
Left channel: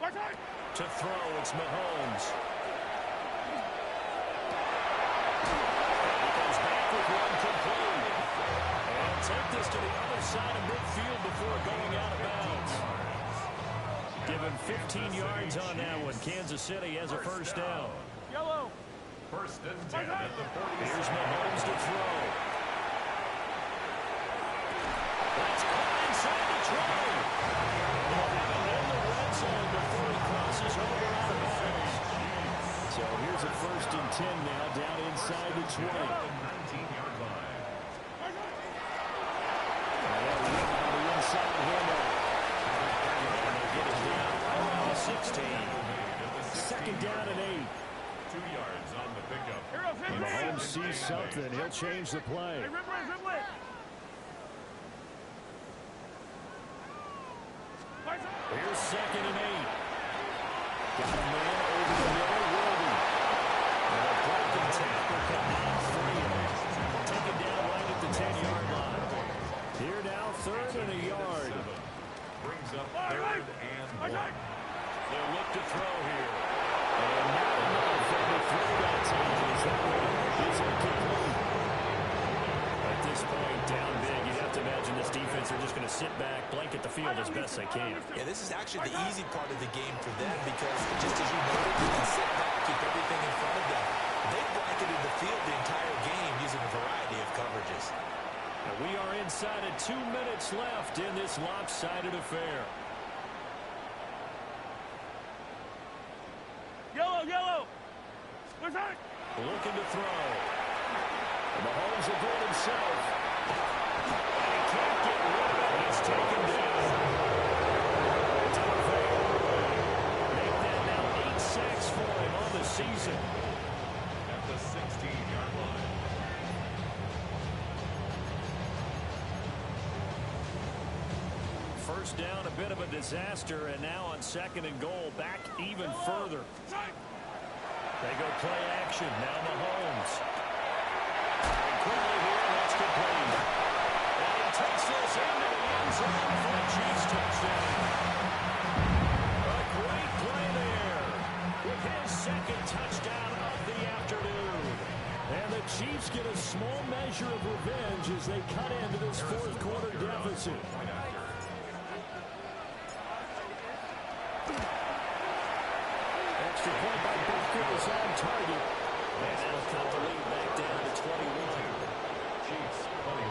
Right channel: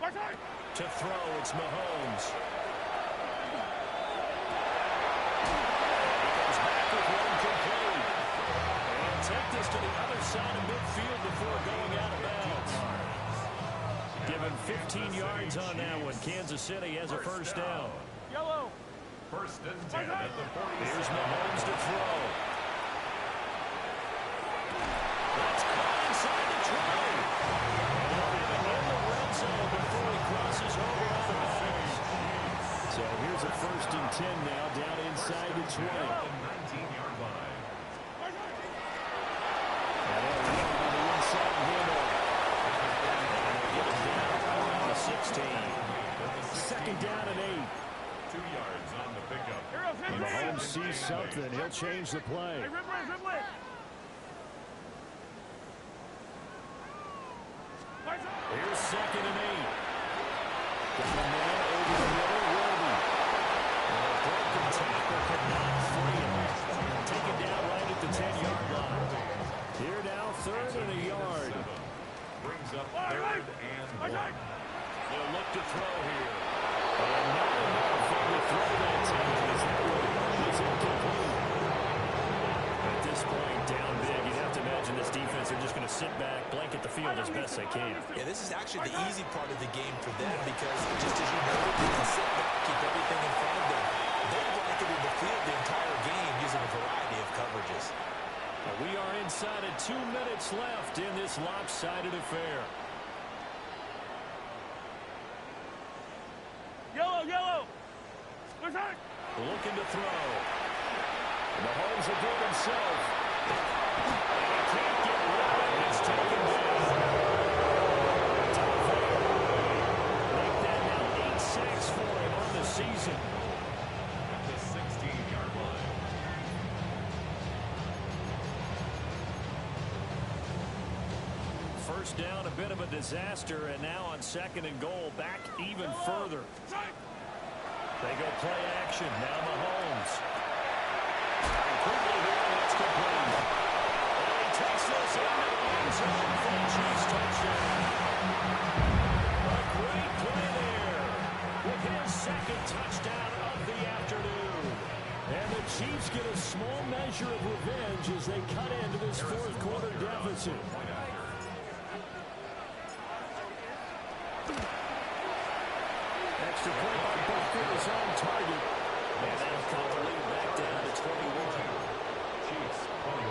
To throw, it's Mahomes. And he comes back with one complete. And take this to the other side of midfield before going out of bounds. Given 15 yards on that one. Kansas City has a first down. Yellow. 1st and 10 at the 47. Here's Mahomes to throw. That's caught inside the 20. And they'll have him in the red zone before he crosses over out of bounds. So here's a 1st and 10 now, down inside the 20. 19-yard line. And they'll look on the inside handoff. And they'll get it down right around the 16. 2nd down and 8. 2 yards on the pickup. When Mahomes sees something, he'll change the play. Hey, dribble it. Here's 2nd and 8. Got a man over the middle, Worthy. And a broken tackle could not free him. Taken down right at the 10-yard line. Here now, 3rd and a yard. Brings up 3rd and 1. They'll look to throw here. And not enough for the throw that time as that one is incomplete. At this point, down big, you'd have to imagine this defense are just going to sit back, blanket the field as best they can. Yeah, this is actually the easy part of the game for them because, just as you noted, they can sit back, keep everything in front of them. They blanketed the field the entire game using a variety of coverages. And we are inside of 2 minutes left in this lopsided affair. Yellow. Looking to throw. And Mahomes will do it himself. And he can't get rid of it. It's taken first down, a bit of a disaster, and now on 2nd and goal, back even further. They go play action. Now Mahomes. And quickly here, that's complete. And he takes this into the end zone for the Chiefs touchdown. A great play there with his 2nd touchdown of the afternoon. And the Chiefs get a small measure of revenge as they cut into this 4th quarter deficit. Extra point by Butker is on target. And that'll cut the lead back down to 21. Chiefs 21.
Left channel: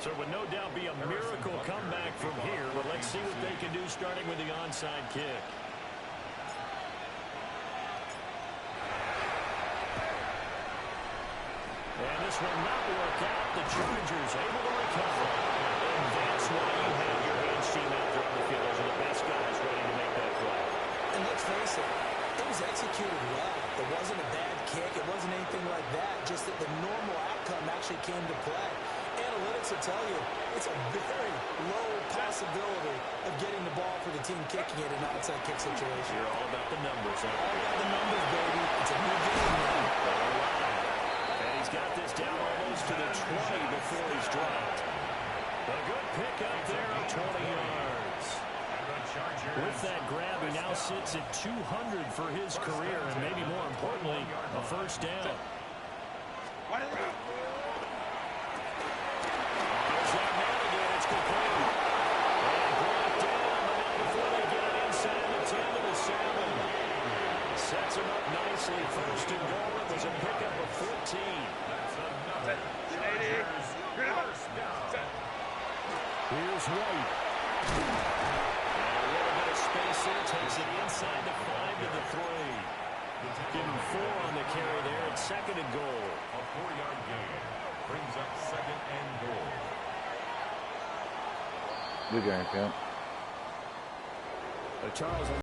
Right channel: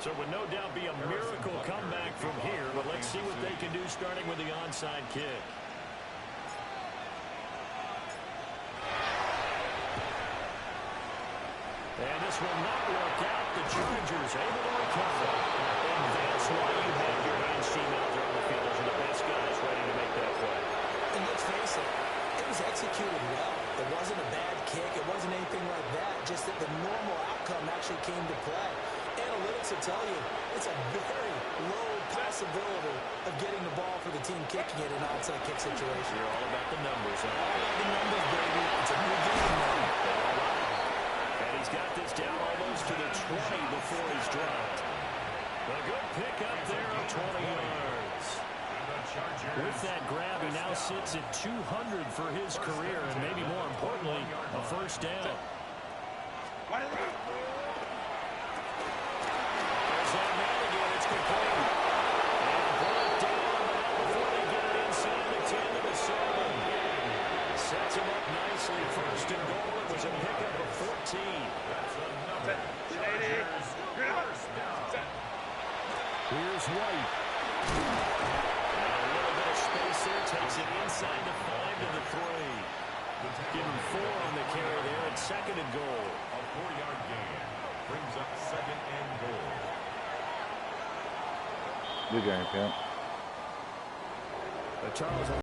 So it would no doubt be a miracle comeback from here, but let's see what they can do starting with the onside kick. And this will not work out. The Chargers able to recover. And that's why you have your hands team out there on the field. Those are the best guys ready to make that play. And let's face it, it was executed well. It wasn't a bad kick. It wasn't anything like that. Just that the normal outcome actually came to play. Analytics will tell you it's a very low possibility of getting the ball for the team kicking it in an onside kick situation. You're all about the numbers, huh? All about the numbers, baby. It's a new game now. They don't lie. And he's got this down almost to the 20 before he's dropped. A good pickup there of 20 yards. With that grab, he now sits at 200 for his career, and maybe more importantly, a first down. There's that man again. It's complete. And brought down, but not before they get it inside the 10 to the 7. Sets him up nicely. First and goal. It was a pickup of 14. That's another Chargers first down. Here's White. And a little bit of space there. Takes it inside the 5 to the 3. Give him 4 on the carry there at 2nd and goal. A 4-yard gain brings up 2nd and goal. Good game, Pimp. Charles.